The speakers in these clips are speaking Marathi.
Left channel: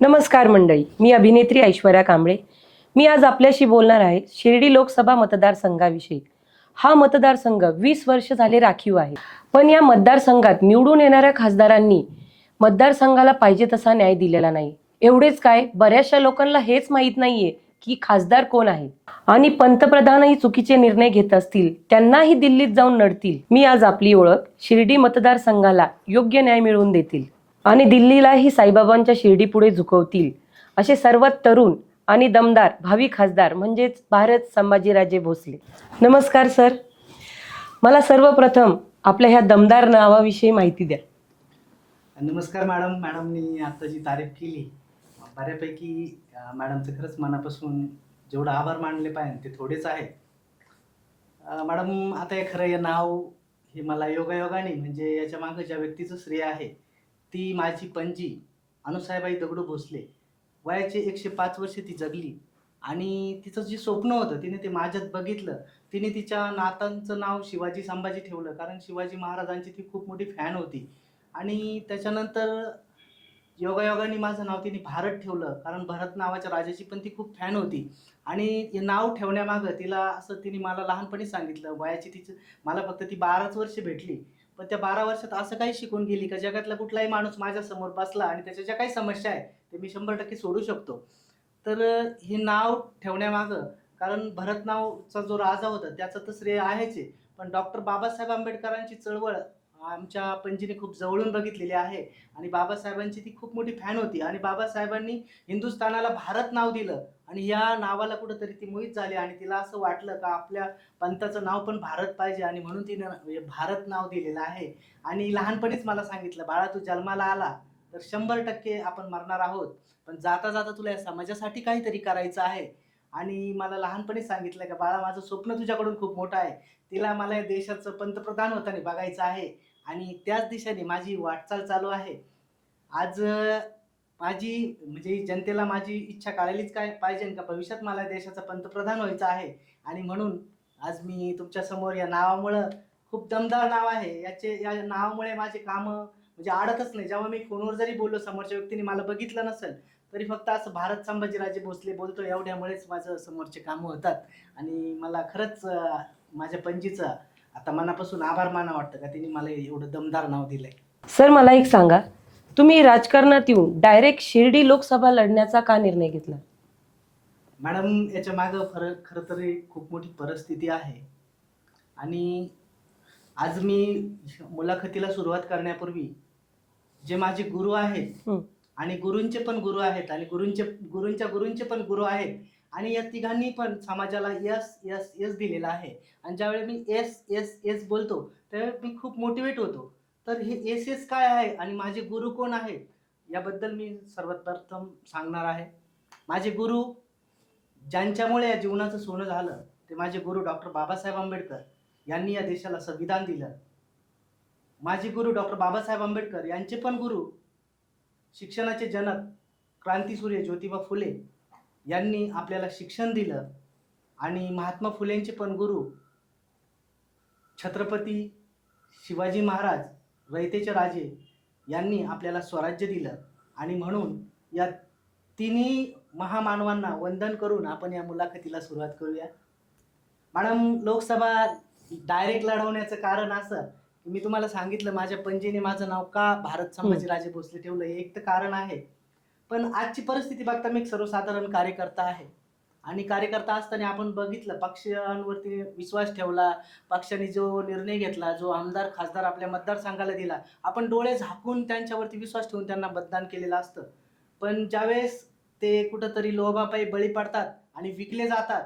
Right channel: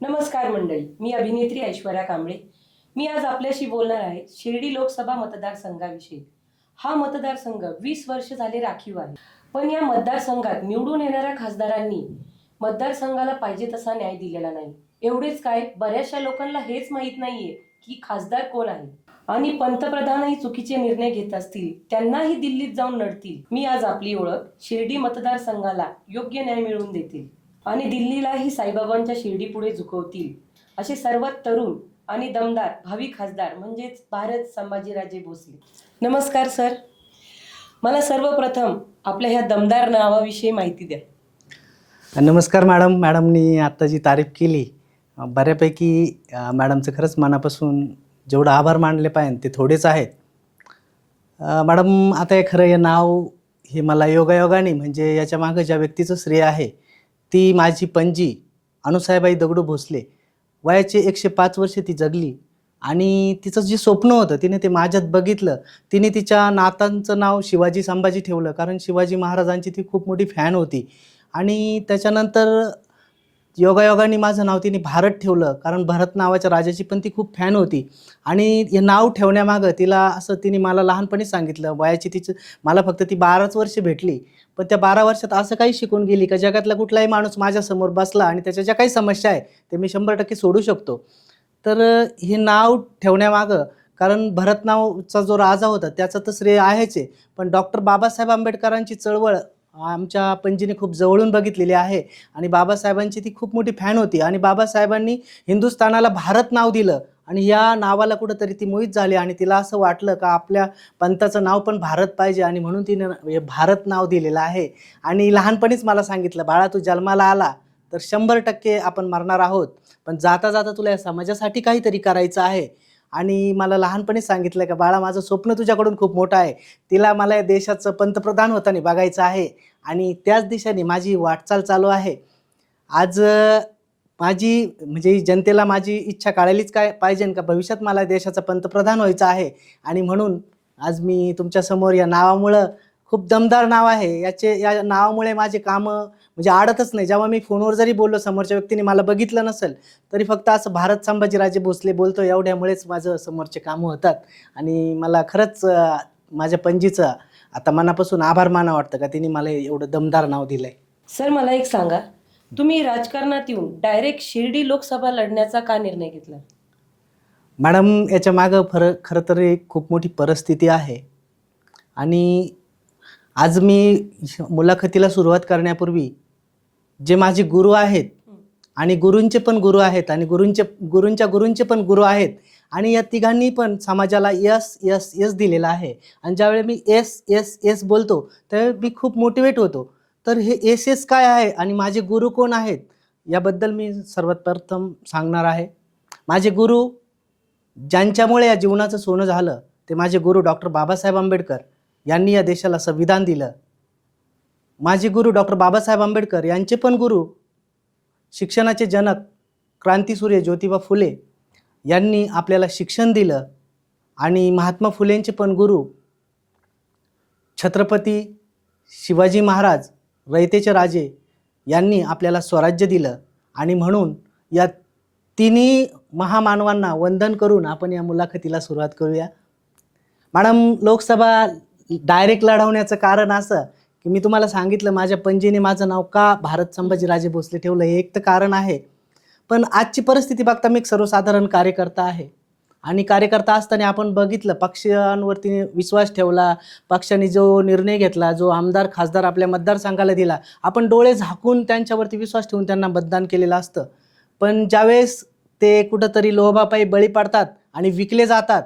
नमस्कार मंडळी, मी अभिनेत्री ऐश्वर्या कांबळे. मी आज आपल्याशी बोलणार आहे शिर्डी लोकसभा मतदारसंघाविषयी. हा मतदारसंघ 20 वर्ष झाले राखीव आहे. पण या मतदारसंघात निवडून येणाऱ्या खासदारांनी मतदारसंघाला पाहिजे तसा न्याय दिलेला नाही. एवढेच काय, बऱ्याचशा लोकांना हेच माहीत नाहीये की खासदार कोण आहे. आणि पंतप्रधानही चुकीचे निर्णय घेत असतील, त्यांनाही दिल्लीत जाऊन लढतील. मी आज आपली ओळख शिर्डी मतदारसंघाला योग्य न्याय मिळवून देतील आणि दिल्लीलाही साईबाबांच्या शिर्डीपुढे झुकवतील असे सर्वात तरुण आणि दमदार भावी खासदार म्हणजेच भारत संभाजीराजे भोसले. नमस्कार सर. मला सर्वप्रथम आपल्या ह्या दमदार नावाविषयी माहिती द्या. नमस्कार मॅडम. मॅडमनी आत्ता जी तारीफ केली, बऱ्यापैकी मॅडमचं खरंच मनापासून जेवढं आभार मानले पाहिजे ते थोडेच आहेत. मॅडम, आता हे खरं हे नाव हे मला योगायोगाने म्हणजे याच्या मागं ज्या व्यक्तीचं श्रेय आहे ती माझी पणजी अनुसाहेबाई दगडू भोसले. वयाचे 105 वर्ष ती जगली आणि तिचं जे स्वप्न होतं तिने ते माझ्यात बघितलं. तिने तिच्या नातांचं नाव शिवाजी संभाजी ठेवलं, कारण शिवाजी महाराजांची ती खूप मोठी फॅन होती. आणि त्याच्यानंतर योगायोगाने माझं नाव तिने भारत ठेवलं, कारण भरत नावाच्या राजाची पण ती खूप फॅन होती. आणि हे नाव ठेवण्यामागं तिला असं तिने मला लहानपणी सांगितलं. वयाची तिचं मला फक्त ती 12च वर्ष भेटली, पण त्या 12 वर्षात असं काही शिकून गेली का जगातला कुठलाही माणूस माझ्यासमोर बसला आणि त्याच्या ज्या काही समस्या आहे ते मी 100% सोडू शकतो. तर हे नाव ठेवण्यामागं, कारण भरत नावाचा जो राजा होता त्याचं तर श्रेय आहेच आहे, पण डॉक्टर बाबासाहेब आंबेडकरांची चळवळ आमच्या पणजीने खूप जवळून बघितलेली आहे. आणि बाबासाहेबांची ती खूप मोठी फॅन होती आणि बाबासाहेबांनी हिंदुस्थानाला भारत नाव दिलं आणि या नावाला कुठंतरी ती मोहित झाली आणि तिला असं वाटलं का आपल्या पंथाचं नाव पण भारत पाहिजे आणि म्हणून तिनं हे भारत नाव दिलेलं आहे. आणि लहानपणीच मला सांगितलं, बाळा तू जन्माला आला तर 100% आपण मरणार आहोत, पण जाता जाता तुला या समाजासाठी काहीतरी करायचं आहे. आणि मला लहानपणीच सांगितलं का बाळा माझं स्वप्न तुझ्याकडून खूप मोठं आहे, तिला मला या देशाचं पंतप्रधान होताना बघायचं आहे आणि त्याच दिशेने माझी वाटचाल चालू आहे. आज माझी म्हणजे जनतेला माझी इच्छा कळालीच काय पाहिजे का भविष्यात मला देशाचा पंतप्रधान व्हायचं आहे. आणि म्हणून आज मी तुमच्यासमोर या नावामुळं, खूप दमदार नाव आहे, या नावामुळे माझे कामं म्हणजे अडतच नाही. जेव्हा मी फोनवर जरी बोललो, समोरच्या व्यक्तीने मला बघितलं नसेल तरी फक्त असं भारत संभाजीराजे भोसले बोलतो एवढ्यामुळेच माझं समोरचे कामं होतात. आणि मला खरंच माझ्या पणजीचं आता मनापासून आभार मानावं वाटतं का तिने मला एवढं दमदार नाव दिलंय. सर, मला एक सांगा, तुम्ही राजकारणात येऊन डायरेक्ट शिर्डी लोकसभा लढण्याचा का निर्णय घेतला? मॅडम, याच्या मागं खरं तर एक खूप मोठी परिस्थिती आहे. आणि आज मी मुलाखतीला सुरुवात करण्यापूर्वी जे माझे गुरु आहेत आणि गुरूंचे पण गुरु आहेत आणि गुरूंच्या गुरूंचे पण गुरु आहेत आणि या तिघांनी पण समाजाला यस यस यस दिलेला आहे. आणि ज्यावेळी मी एस एस एस बोलतो त्यावेळी मी खूप मोटिवेट होतो. तर हे एस एस काय आहे आणि माझे गुरु कोण आहेत याबद्दल मी सर्वात प्रथम सांगणार आहे. माझे गुरु ज्यांच्यामुळे या जीवनाचं सोनं झालं ते माझे गुरु डॉक्टर बाबासाहेब आंबेडकर यांनी या देशाला संविधान दिलं. माझे गुरु डॉक्टर बाबासाहेब आंबेडकर यांचे पण गुरु शिक्षणाचे जनक क्रांतीसूर्य ज्योतिबा फुले यांनी आपल्याला शिक्षण दिलं. आणि महात्मा फुलेंचे पण गुरु छत्रपती शिवाजी महाराज रयतेचे राजे यांनी आपल्याला स्वराज्य दिलं. आणि म्हणून या तिन्ही महामानवांना वंदन करून आपण या मुलाखतीला सुरुवात करूया. मॅडम, लोकसभा डायरेक्ट लढवण्याचं कारण असं की मी तुम्हाला सांगितलं माझ्या पणजीने माझं नाव का भारत संभाजीराजे भोसले ठेवलं, हे एक तर कारण आहे. पण आजची परिस्थिती बघता मी एक सर्वसाधारण कार्यकर्ता आहे आणि कार्यकर्ता असताना आपण बघितलं पक्षांवरती विश्वास ठेवला, पक्षाने जो निर्णय घेतला, जो आमदार खासदार आपल्या मतदारसंघाला दिला, आपण डोळे झाकून त्यांच्यावरती विश्वास ठेवून त्यांना मतदान केलेलं असतं. पण ज्यावेळेस ते कुठंतरी लोभापायी बळी पडतात आणि विकले जातात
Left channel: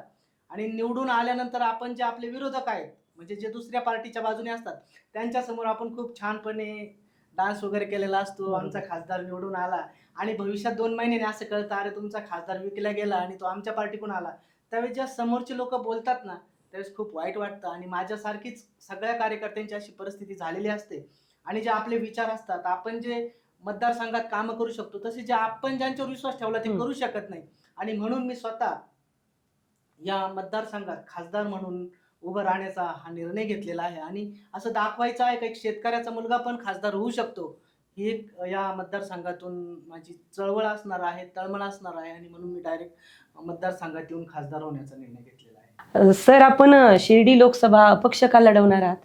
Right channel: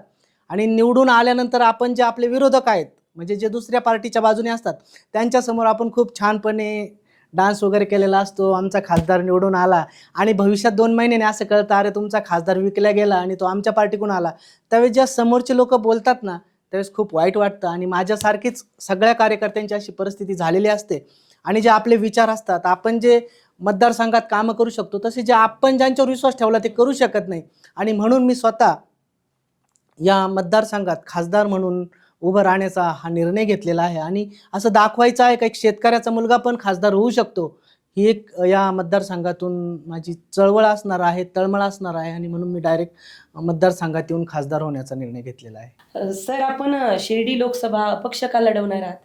आणि निवडून आल्यानंतर आपण जे आपले विरोधक आहेत म्हणजे जे दुसऱ्या पार्टीच्या बाजूने असतात त्यांच्यासमोर आपण खूप छानपणे डान्स वगैरे केलेला असतो, आमचा खासदार निवडून आला आणि भविष्यात 2 महिन्याने असं कळतं अरे तुमचा खासदार विकला गेला आणि तो आमच्या पार्टीकडून आला. त्यावेळेस ज्या समोरचे लोक बोलतात ना त्यावेळेस खूप वाईट वाटतं. आणि माझ्यासारखीच सगळ्या कार्यकर्त्यांची अशी परिस्थिती झालेली असते. आणि जे आपले विचार असतात, आपण जे मतदारसंघात कामं करू शकतो तसे जे आपण ज्यांच्यावर विश्वास ठेवला ते करू शकत नाही. आणि म्हणून मी स्वतः या मतदारसंघात खासदार म्हणून उभं राहण्याचा हा निर्णय घेतलेला आहे. आणि असं दाखवायचं आहे का एक शेतकऱ्याचा मुलगा पण खासदार होऊ शकतो, ही एक या मतदारसंघातून माझी चळवळ असणार आहे, तळमळ असणार आहे आणि म्हणून मी डायरेक्ट मतदारसंघात येऊन खासदार होण्याचा निर्णय घेतलेला आहे. सर, आपण शिर्डी लोकसभा अपक्ष का लढवणार आहात?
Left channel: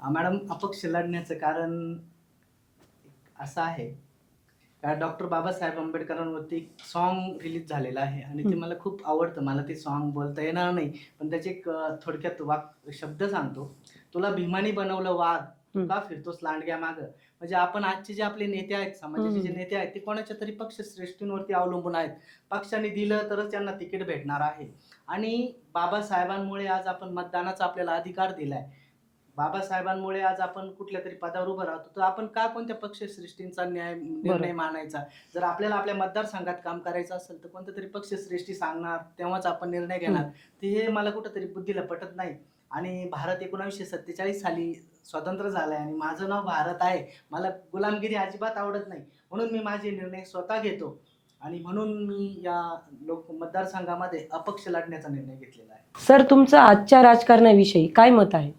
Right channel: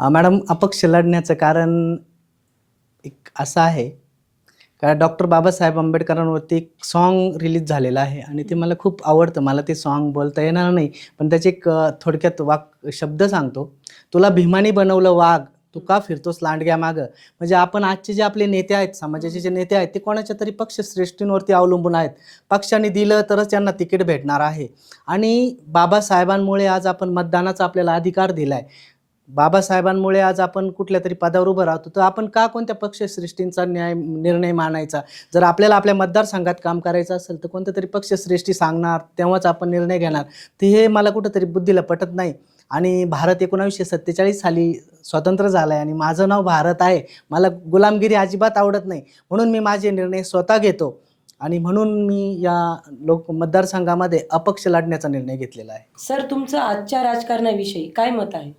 मॅडम, अपक्ष लढण्याचं कारण एक असं आहे का डॉक्टर बाबासाहेब आंबेडकरांवरती एक सॉन्ग रिलीज झालेलं आहे आणि ते मला खूप आवडतं. मला ते सॉन्ग बोलता येणार नाही, पण त्याचे एक थोडक्यात शब्द सांगतो. तुला भीमानी बनवलं वाघ, तू का फिरतोस लांडग्या मागं. म्हणजे आपण आजचे जे आपले नेते आहेत, समाजाचे जे नेते आहेत, ते कोणाच्या तरी पक्षश्रेष्ठींवरती अवलंबून आहेत. पक्षाने दिलं तरच त्यांना तिकीट भेटणार आहे आणि बाबासाहेबांमुळे आज आपण मतदानाचा आपल्याला अधिकार दिलाय. बाबासाहेबांमुळे आज आपण कुठल्या तरी पदावर उभं राहतो, तर आपण का कोणत्या पक्षश्रेष्ठींचा निर्णय मानायचा? जर आपल्याला आपल्या मतदारसंघात काम करायचं असेल तर कोणत्या तरी पक्षश्रेष्ठी सांगणार तेव्हाच आपण निर्णय घेणार. तर हे मला कुठंतरी बुद्धीला पटत नाही. आणि भारत 1947 साली स्वतंत्र झाला आहे आणि माझं नाव भारत आहे. मला गुलामगिरी अजिबात आवडत नाही, म्हणून मी माझे निर्णय स्वतः घेतो आणि म्हणून मी या मतदारसंघामध्ये अपक्ष लढण्याचा निर्णय घेतलेला आहे. सर, तुमचं आजच्या राजकारणाविषयी काय मत आहे?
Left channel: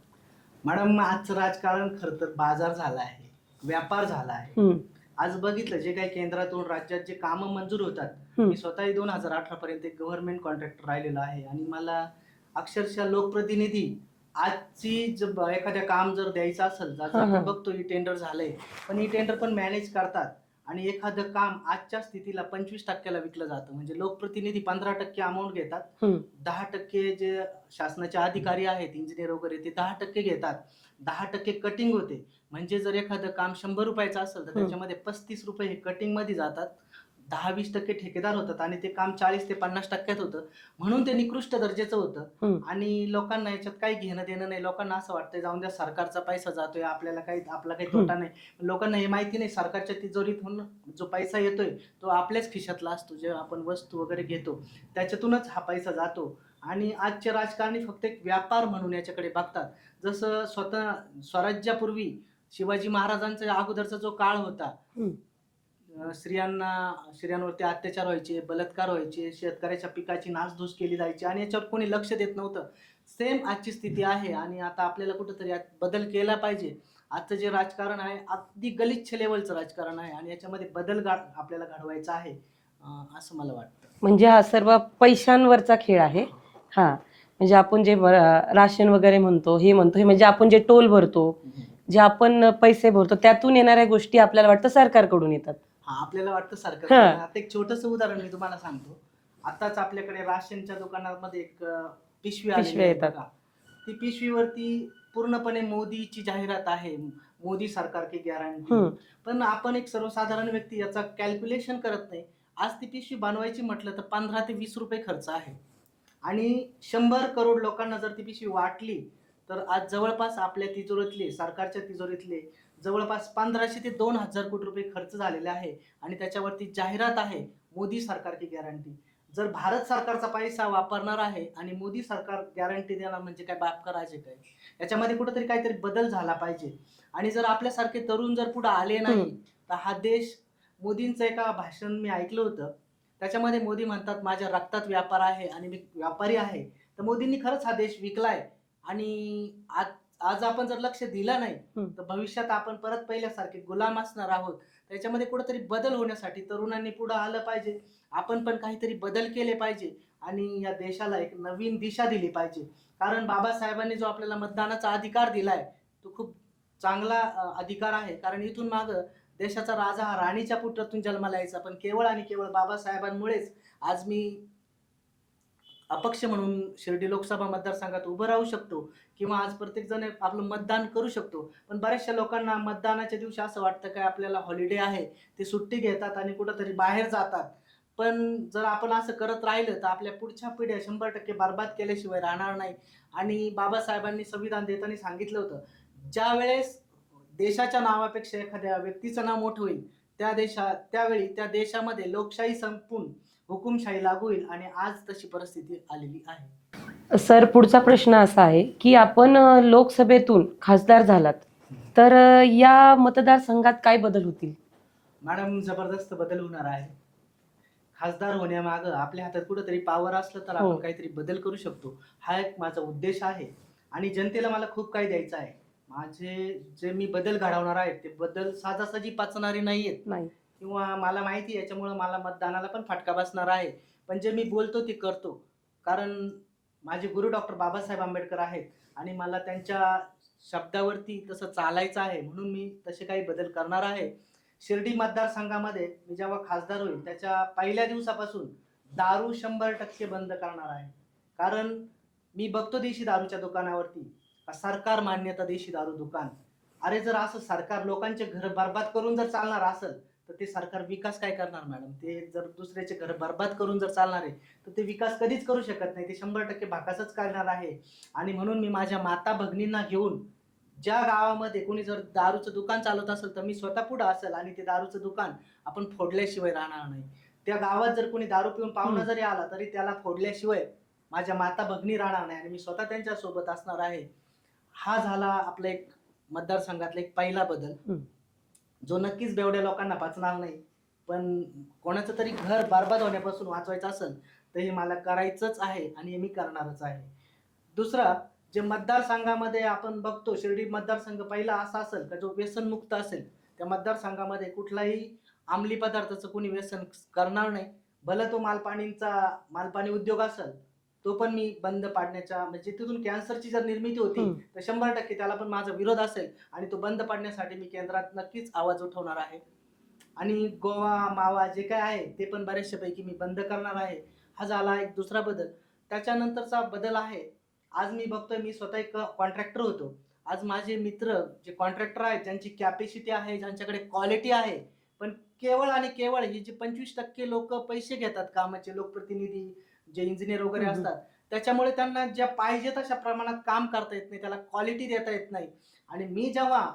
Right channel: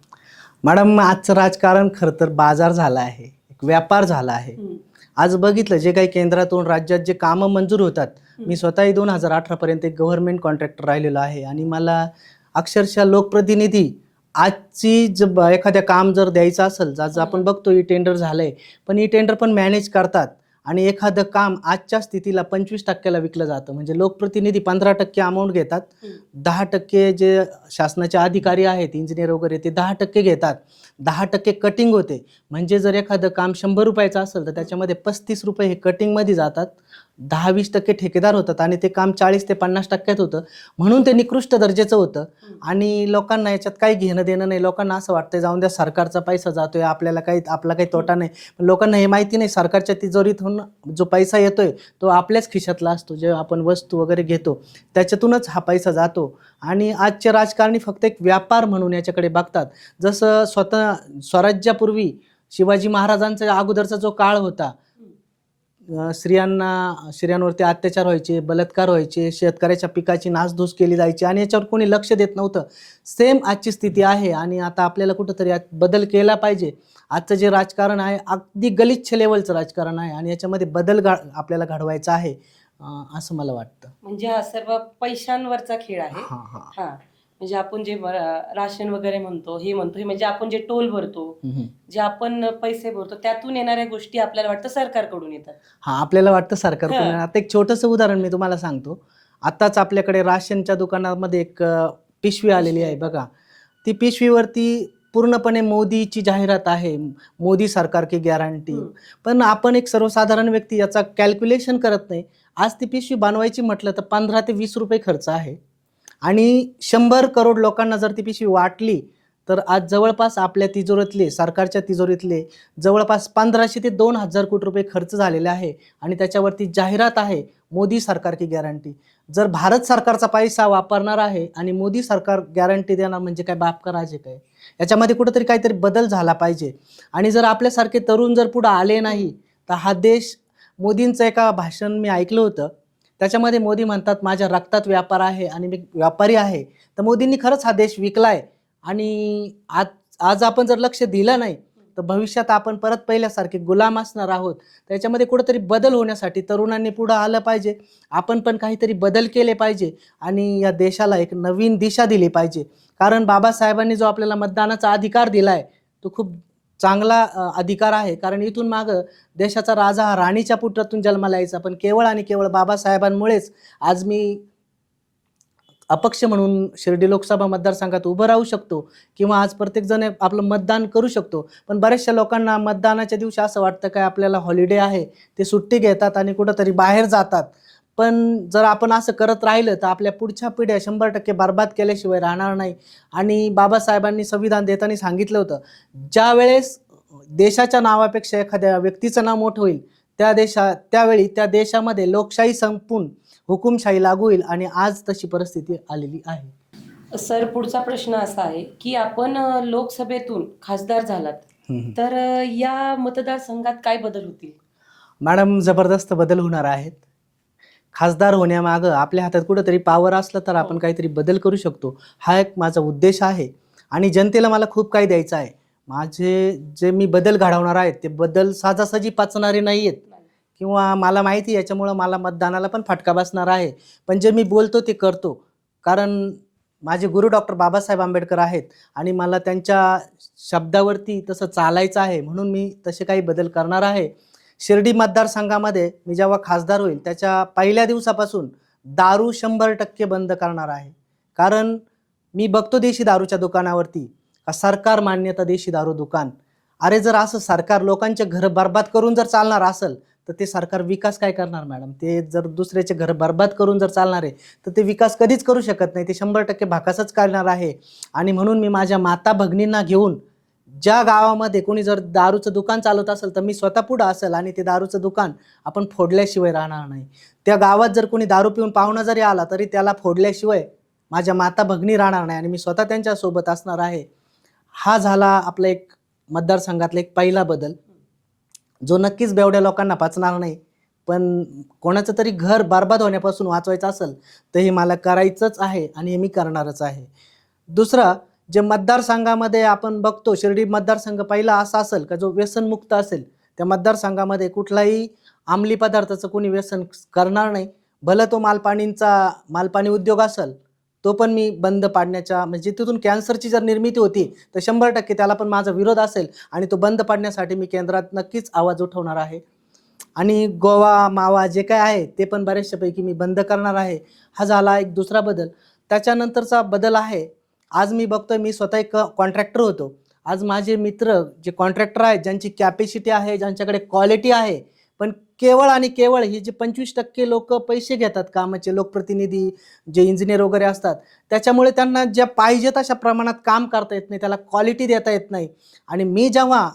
मॅडम, आजचं राजकारण खरं तर बाजार झाला आहे, एक व्यापार झाला आहे. आज बघितलं जे काही केंद्रातून राज्यात जे कामं मंजूर होतात, मी स्वतःही 2018 पर्यंत एक गव्हर्नमेंट कॉन्ट्रॅक्टर राहिलेलो आहे आणि मला अक्षरशः लोकप्रतिनिधी आजची एखाद्या काम जर द्यायचं असेल, आज आपण बघतो ई टेंडर झालंय, पण ई टेंडर पण मॅनेज करतात आणि एखादं काम आजच्या स्थितीला 25% विकलं जातं. म्हणजे लोकप्रतिनिधी 15% अमाऊंट घेतात, 10% जे शासनाचे अधिकारी आहेत, इंजिनियर वगैरे, ते 10% घेतात, 10% कटिंग होते. म्हणजे जर एखादं काम 100 रुपयाचं असेल तर त्याच्यामध्ये 35 रुपये हे कटिंगमध्ये जातात, 10-20% ठेकेदार होतात आणि ते काम 40 ते 50% होतं. म्हणून ते निकृष्ट दर्जाचं होतं आणि लोकांना याच्यात काही घेणं देणं नाही. लोकांना असं वाटतं जाऊन द्या, सरकारचा पैसा जातोय, आपला काही तोटा नाही. लोकांना हे माहिती नाही, सरकारच्या तिजोरीतून जो पैसा येतोय तो आपल्याच खिशातला असतो. जे आपण वस्तू वगैरे घेतो त्याच्यातूनच हा पैसा जातो आणि आजचे राजकारणी फक्त एक व्यापार म्हणून याच्याकडे बघतात. जसं स्वराज्यापूर्वी शिवाजी महाराजांचा अगोदरचा जो काळ होता, स्त्रियांवरती अत्याचार व्हायचे, बलात्कार व्हायचे, शेतकऱ्याच्या पिकाची नासधूस केली जायची आणि याच्यावर कोणी लक्ष देत नव्हतं. सेम आजची स्थिती आहे आणि आता आपल्याला कुठंतरी यात बदल केला पाहिजे. आजचं जे राजकारण आहे अगदी गलिच्छ लेवलचं राजकारण आहे आणि याच्यामध्ये बदल आपल्याला घडवायचा आहे असं मला वाटतं. म्हणजे हा सर्व पैशांवरचा खेळ आहे. हा, म्हणजे आपण जे राशन वगैरे म्हणतो, हे म्हणजे आपण जे टोल भरतो, जे आपण पैसे भरतो, त्यातून येणाऱ्या गोष्टी आपल्याला वाटतं सरकारकडून येतात. आपल्याला वाटतं सरकारकडून. आता एक छोटंसं उदाहरण मी तुम्हाला सांगतो. आताच आपल्याकडे राशनच्या दुकानामध्ये एक पिशवी आलेली आहे बघा. ती पिशवीवरती पूर्णपणे मोदीची जाहिरात आहे, मोदी सरकार की गॅरंटी. पण आपण एक सर्वसाधारण व्यक्ती याचा कॅल्क्युलेशन करत नाही. आज ती पिशवी बनवायची म्हटलं तर 15 ते 20 रुपये खर्च आहे आणि 100 करोड लोकांना जर ती पिशवी वाटली तर आज जवळपास आपल्या तिजोरीतले, सरकारच्या तिजोरीतले जवळपास 1500 ते 2000 कोटी रुपये खर्च झालेले आहे आणि त्याच्यावरती जाहिरात आहे, मोदी सरकार की गॅरंटी. जर भारत सरकारचा पैसा वापरणार आहे आणि मोदी सरकार गॅरंटी देणार म्हणजे काय बाप का राजे काय? याच्यामध्ये कुठेतरी काहीतरी बदल झाला पाहिजे. आणि जर आपल्यासारखे तरुण जर पुढे आले नाही तर हा देश, मोदींचं एका भाषण मी ऐकलं होतं, त्याच्यामध्ये मोदी म्हणतात माझ्या रक्तात व्यापार आहे आणि मी व्यापारी आहे. तर मोदींनी खरंच हा देश विकलाय आणि आज आपण जर लक्ष दिलं नाही तर भविष्यात आपण परत पहिल्यासारखे गुलाम असणार आहोत. त्याच्यामध्ये कुठेतरी बदल होण्यासाठी तरुणांनी पुढे आलं पाहिजे. आपण पण काहीतरी बदल केले पाहिजे आणि या देशाला एक नवीन दिशा दिली पाहिजे. कारण बाबासाहेबांनी जो आपल्याला मतदानाचा अधिकार दिलाय तो खूप चांगला अधिकार आहे. कारण इथून मागं देशाचा राजा हा राणीच्या पुत्रातून जन्माला यायचा, पण केवळ आणि केवळ बाबासाहेबांमुळेच आज मी अपक्ष म्हणून शिर्डी लोकसभा मतदारसंघात उभं राहू शकतो किंवा आज प्रत्येकजण आपलं मतदान करू शकतो. पण बऱ्याचशा लोकांना मतदानाच्या दिवशी असं वाटतं काय आपल्याला हॉलिडे आहे, ते सुट्टी घेतात आणि कुठंतरी बाहेर जातात. पण जर आपण असं करत राहिलं तर आपल्या पुढच्या पिढ्या 100% बर्बाद केल्याशिवाय राहणार नाही. आणि बाबासाहेबांनी संविधान देताना सांगितलं होतं, ज्या वेळेस देशाच्या नावापेक्षा एखाद्या व्यक्तीचं नाव मोठं होईल त्यावेळी त्या देशामध्ये लोकशाही संपून हुकुमशाही लागू होईल आणि आज तशी परिस्थिती आलेली आहे. सर, पुढचा प्रश्न असा आहे की आपण लोकसभेतून खासदार झालात तर या मतदारसंघात काय बदल होतील? मॅडम, जबरदस्त बदल होणार आहेत. खासदार होण्यामागं आपल्या हातात कुठंतरी पॉवर असलं तर आपण काहीतरी बदल करू शकतो, हा एक माझा उद्देश आहे. आणि जनतेला मला खूप काही द्यायचं आहे. माझे जे मी बदल घडवणार आहेत ते बदल साजासजी पचणारे नाही आहेत नाही. किंवा मला माहिती आहे याच्यामुळं मला मतदानाला पण फटका बसणार आहे. पण जे मी बोलतो ते करतो. कारण माझे गुरु डॉक्टर बाबासाहेब आंबेडकर आहेत आणि मला त्यांच्या शब्दावरती तसं चालायचं आहे म्हणून मी तसे काही बदल करणार आहे. शिर्डी मतदारसंघामध्ये मी जेव्हा खासदार होईल त्याच्या पहिल्या दिवसापासून दारू 100% बंद करणार आहे. कारण मी बघतो देशी दारूच्या दुकानावरती सरकार मान्यता देशी दारू दुकान. अरे जर असं सरकार लोकांचे घर बर्बाद करून जर चालणार असेल तर ते सरकार विकास काय करणार मॅडम? ते जर दुसऱ्याचे घर बर्बाद करून जर चालणार आहे तर ते विकास कधीच करू शकत नाही. ते 100% भाकासच करणार आहे. आणि म्हणून मी माझ्या माता भगिनींना घेऊन ज्या गावामध्ये कोणी जर दारूचं दुकान चालवत असेल तर मी स्वतः पुढं असेल आणि ते दारूचं दुकान आपण फोडल्याशिवाय राहणार नाही. त्या गावात जर कोणी दारू पिऊन पाहुणा जरी आला तरी त्याला फोडल्याशिवाय माझ्या माता भगिनी राहणार नाही आणि मी स्वतः त्यांच्या सोबत असणार आहे. हा झाला आपला एक मतदारसंघातला एक पहिला बदल जो नक्कीच बेवड्या लोकांना पचणार नाही. पण कोणाचं तरी घर बर्बाद होण्यापासून वाचवायचं असेल तर हे मला करायचंच आहे आणि हे मी करणारच आहे. दुसरं जे मतदारसंघामध्ये आपण बघतो शिर्डी मतदारसंघ पहिला असा असेल का जो व्यसनमुक्त असेल. त्या मतदारसंघामध्ये कुठलाही अंमली पदार्थाचं कोणी व्यसन करणार नाही. भलं तो मालपाणी उद्योग असेल तो पण मी बंद पाडण्याच्या म्हणजे तिथून कॅन्सरची जर निर्मिती होती तर 100% त्याला पण माझा विरोध असेल आणि तो बंद पाडण्यासाठी मी केंद्रात नक्कीच आवाज उठवणार आहे. आणि गोवा मावा जे काय आहे ते पण बऱ्याचशापैकी मी बंद करणार आहे. हा झाला एक दुसरा बदल. त्याच्यानंतरचा बदल आहे आज मी बघतोय मी स्वतः एक कॉन्ट्रॅक्टर होतो. आज माझे मित्र जे कॉन्ट्रॅक्टर आहेत ज्यांची कॅपॅसिटी आहे ज्यांच्याकडे क्वालिटी आहे पण केवळ आणि केवळ हे जे 25% लोक पैसे घेतात कामाचे लोकप्रतिनिधी जे इंजिनियर वगैरे असतात त्याच्यामुळे त्यांना ज्या पाहिजे तशा प्रमाणात काम करता येत नाही, त्याला क्वालिटी देता येत नाही. आणि मी जेव्हा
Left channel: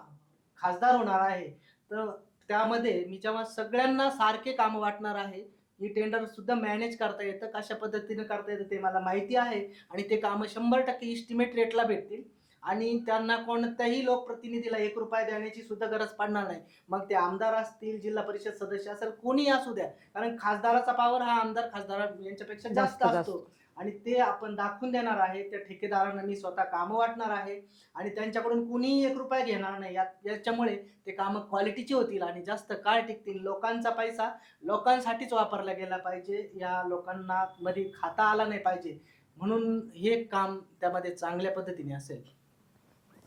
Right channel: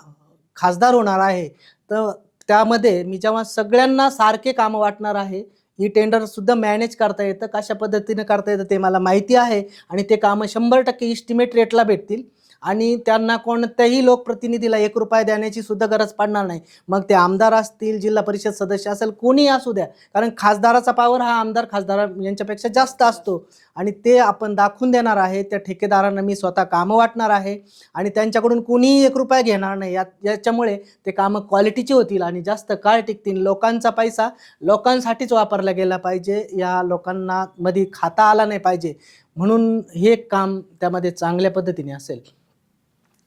खासदार होणार आहे तर त्यामध्ये मी जेव्हा सगळ्यांना सारखे कामं वाटणार आहे. ही टेंडर सुद्धा मॅनेज करता येतं कशा पद्धतीने करता येतं ते मला माहिती आहे आणि ते कामं 100% इस्टिमेट रेटला भेटतील आणि त्यांना कोणत्याही लोकप्रतिनिधीला 1 रुपया देण्याची सुद्धा गरज पडणार नाही. मग ते आमदार असतील जिल्हा परिषद सदस्य असेल कोणीही असू द्या. कारण खासदाराचा पावर हा आमदार खासदार यांच्यापेक्षा जास्त असतो आणि ते आपण दाखवून देणार आहे. त्या ठेकेदारांना मी स्वतः कामं वाटणार आहे आणि त्यांच्याकडून कोणीही 1 रुपया घेणार नाही. याच्यामुळे ते कामं क्वालिटीची होतील आणि जास्त काळ टिकतील. लोकांचा पैसा लोकांसाठीच वापरला गेला पाहिजे. या लोकांना मध्ये खाता आला नाही पाहिजे म्हणून हे काम त्यामध्ये चांगल्या पद्धतीने असेल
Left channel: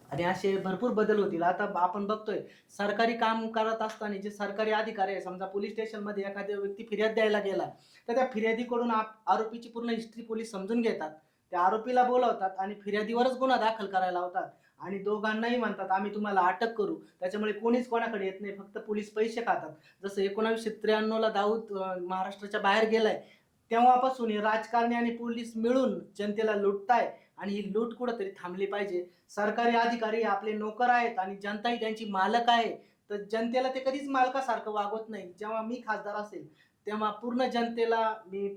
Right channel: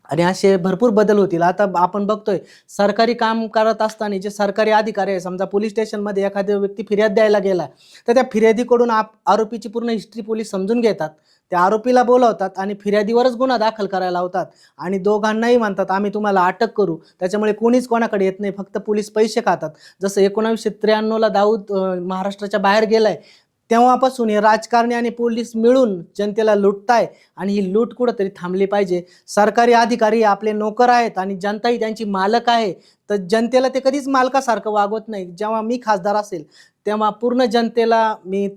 आणि असे भरपूर बदल होतील. आता आपण बघतोय सरकारी काम करत असताना जे सरकारी अधिकारी आहे समजा पोलीस स्टेशनमध्ये एखादा व्यक्ती फिर्याद द्यायला गेला तर त्या फिर्यादीकडून आरोपीची पूर्ण हिस्ट्री पोलीस समजून घेतात. त्या आरोपीला बोलावतात आणि फिर्यादीवरच गुन्हा दाखल करायला लावतात आणि दोघांनाही म्हणतात आम्ही तुम्हाला अटक करू. त्याच्यामुळे कोणीच कोणाकडे येत नाही, फक्त पोलीस पैसे खातात. जसं 1993ला दाऊद महाराष्ट्राच्या बाहेर गेलाय तेव्हापासून हे राजकारणी आणि पोलीस मिळून जनतेला लुटताय आणि ही लूट कुठंतरी थांबली पाहिजे. सरकारी अधिकारी आपले नोकर आहेत आणि जनताही त्यांची मालक आहे तर जनतेला ते कधीच मालकासारखं वागवत नाही. जेव्हा मी खासदार असेल तेव्हा पूर्ण जनतेला मी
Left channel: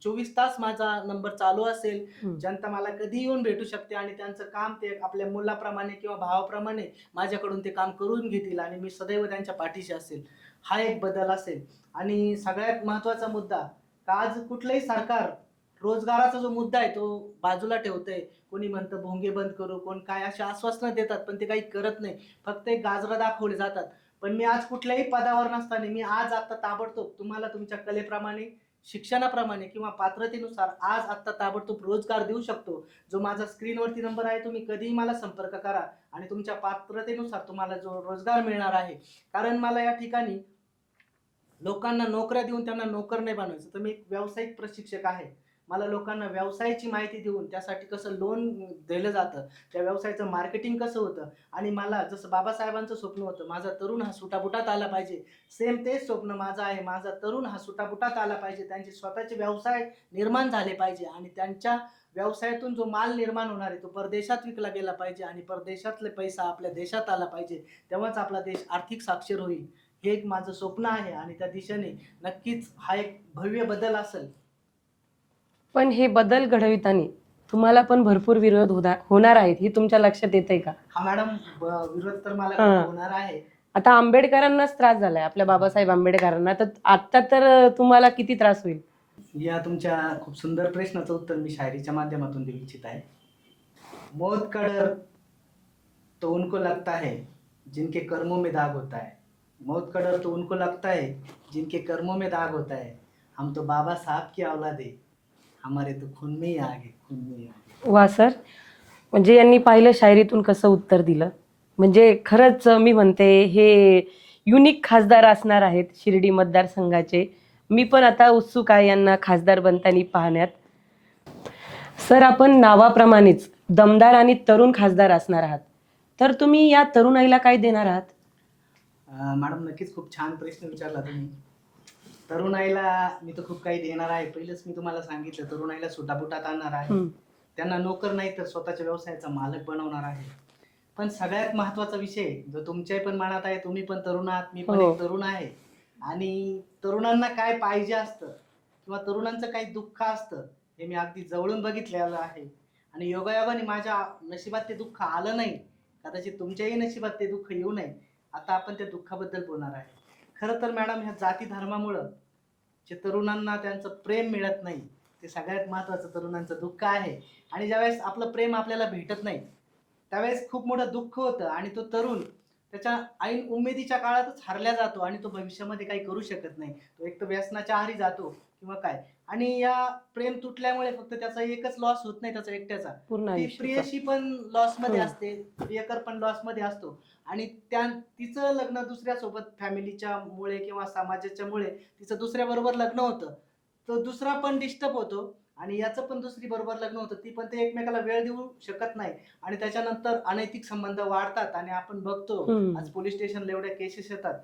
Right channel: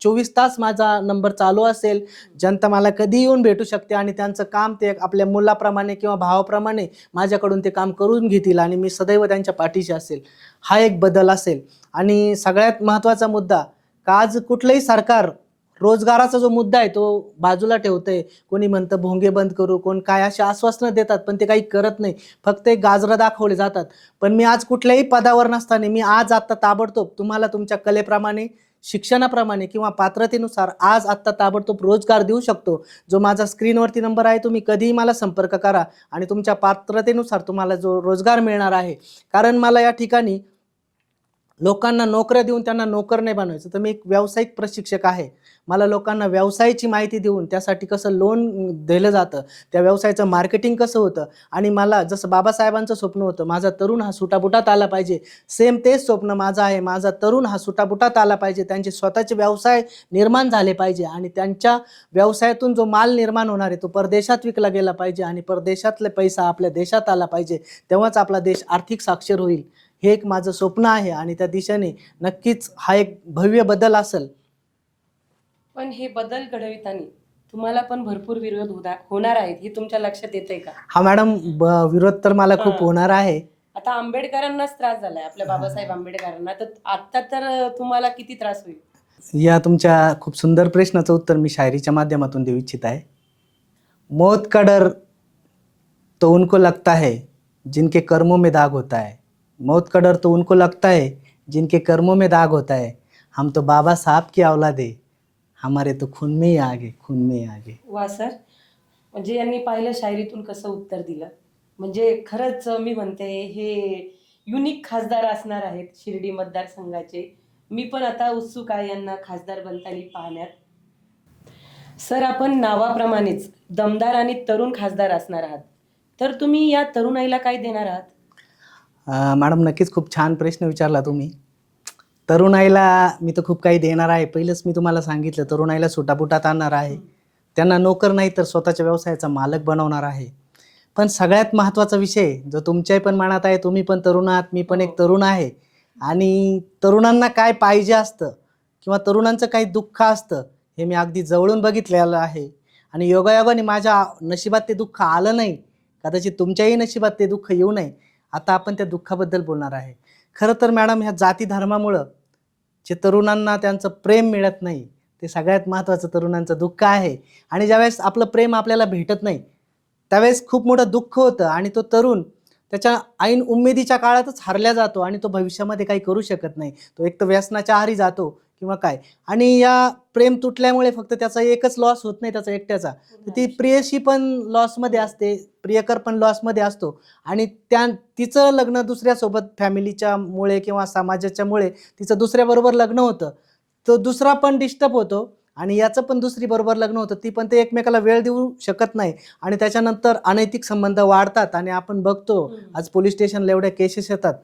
24 तास माझा नंबर चालू असेल. जनता मला कधी येऊन भेटू शकते आणि त्यांचं काम ते आपल्या मुलाप्रमाणे किंवा भावाप्रमाणे माझ्याकडून ते काम करून घेतील आणि मी सदैव त्यांच्या पाठीशी असेल. हा एक बदल असेल. आणि सगळ्यात महत्त्वाचा मुद्दा का आज कुठलंही सरकार रोजगाराचा जो मुद्दा आहे तो बाजूला ठेवतंय. कोणी म्हणतं भोंगे बंद करू, कोण काय अशी आश्वासनं देतात पण ते काही करत नाही, फक्त एक गाजरं दाखवले जातात. पण मी आज कुठल्याही पदावर नसताना मी आज आत्ता ताबडतोब तुम्हाला तुमच्या कलेप्रमाणे शिक्षणाप्रमाणे किंवा पात्रतेनुसार आज आत्ता ताबडतोब रोजगार देऊ शकतो. जो माझा स्क्रीनवरती नंबर आहे तुम्ही कधीही मला संपर्क करा आणि तुमच्या पात्रतेनुसार तुम्हाला जो रोजगार मिळणार आहे. कारण मला या ठिकाणी लोकांना नोकऱ्या देऊन त्यांना नोकर नाही बनवायचं. तर मी एक व्यावसायिक प्रशिक्षक आहे. मला लोकांना व्यवसायाची माहिती देऊन त्यासाठी कसं लोन दिलं जातं, त्या व्यवसायाचं मार्केटिंग कसं होतं आणि मला जसं बाबासाहेबांचं स्वप्न होतं माझा तरुण हा सुटाबुटात आला पाहिजे, सेम तेच स्वप्न माझं आहे. माझा तरुण हा सुटाबुटात आला पाहिजे, त्यांचे स्वतःचे व्यवसाय निर्माण झाले पाहिजे आणि त्यांच्या व्यवसायातून जो माल निर्माण होणार आहे तो परदेशात विकला गेला पाहिजे आणि परदेशातले पैसा आपल्या देशात आला पाहिजे. तेव्हाच आपला देश आर्थिक साक्षर होईल. हे एक माझं स्वप्न आहे आणि त्या दिशेने नक्कीच हा एक भव्य बदल असेल. पण हे बदल घडविताना तुम्हाला पण भरपूर विरोध होणार आहेत हे तुमच्या लक्षात येतंय का? हा मॅडम विरोध तर मला खूप होणार आहे. आता आंबेडकरांनाच त्रास झालाय आपल्या बाबासाहेब आंबेडकरांना, तर आता तर तुम्हाला किती त्रास होईल? या तुमच्या खूप सुंदर प्रश्नाचं उत्तर मी शायरीच्या माध्यमातून देऊ इच्छित आहे. मौत का डर तो उनको लगता है जिनके कर्मों में दाग होता है, मौत का डर तो उनको लगता है जिनके कर्मों में दाग होता है। हम तो बाबा साहब की औलाद है, हमारे तो खून में ही आगे, खून में ही आगे. वा सर, म्हणजे यांनी पाहिलं शायरीतून कसं उत्तर दिलं. म्हणजे खरंच मी म्हणते हे युनिक खासदार असणार आहेत शिर्डी मतदारसंघाचे. मी पण आता उत्सुक आहे यांना खासदार बनताना पाहण्यात. सर, आपण नावाप्रमाणेच दमदार आणि तरुण खासदार असणार आहात. तर तुम्ही या तरुणाईला काय देणार आहात? मॅडम, नक्कीच खूप छान प्रश्न विचारला तुम्ही. तरुणाईला मी तर खूप काही देणार आहे. पहिलंच मी तुम्हाला सांगितलं, तरुणाईला सुटापुटात आणणार आहे. त्यांना नोकर नाही तर स्वतःच्या व्यवसायाचा मालक बनवणार आहे. पण सगळ्यात महत्त्वाचा विषय जो तुमच्याही पण मनात आहे, तुम्ही पण तरुण आहात, मी पण एक तरुण आहे. आणि तरुणांना काय पाहिजे असतं किंवा तरुणांचं काही दुःख असतं हे मी अगदी जवळून बघितलेलं आहे. आणि योगायोगाने माझ्या नशिबात ते दुःख आलं नाही, कदाचित तुमच्याही नशिबात ते दुःख येऊ नये. आता आपण त्या दुःखाबद्दल बोलणार आहे. खरं तर मॅडम, ह्या जाती धर्मामुळं जे तरुणांना त्यांचं प्रेम मिळत नाही, ते सगळ्यात महत्त्वाचं तरुणांचं दुःख आहे. आणि ज्यावेळेस आपलं प्रेम आपल्याला भेटत नाही त्यावेळेस खूप मोठं दुःख होतं आणि तो तरुण त्याच्या ऐन उमेदीच्या काळातच हरल्या जातो आणि तो भविष्यामध्ये काही करू शकत नाही. तो एक तर व्यसनाच्या आहारी जातो किंवा काय. आणि या प्रेम तुटल्यामुळे फक्त त्याचा एकच लॉस होत नाही त्याचा एकट्याचा, ती प्रियशी पण लॉसमध्ये असते, प्रियकर पण लॉसमध्ये असतो. आणि तिचं लग्न दुसऱ्यासोबत फॅमिलीच्या मुळे किंवा समाजाच्या मुळे तिचं दुसऱ्याबरोबर लग्न होतं. तो दुसरा पण डिस्टर्ब होतो आणि याचं पण दुसरी बरोबर लग्न होतं. ती पण ते एकमेकाला वेळ देऊ शकत नाही आणि त्याच्यानंतर अनैतिक संबंध वाढतात. आणि आपण बघतो आज पोलीस स्टेशनला एवढ्या केसेस येतात.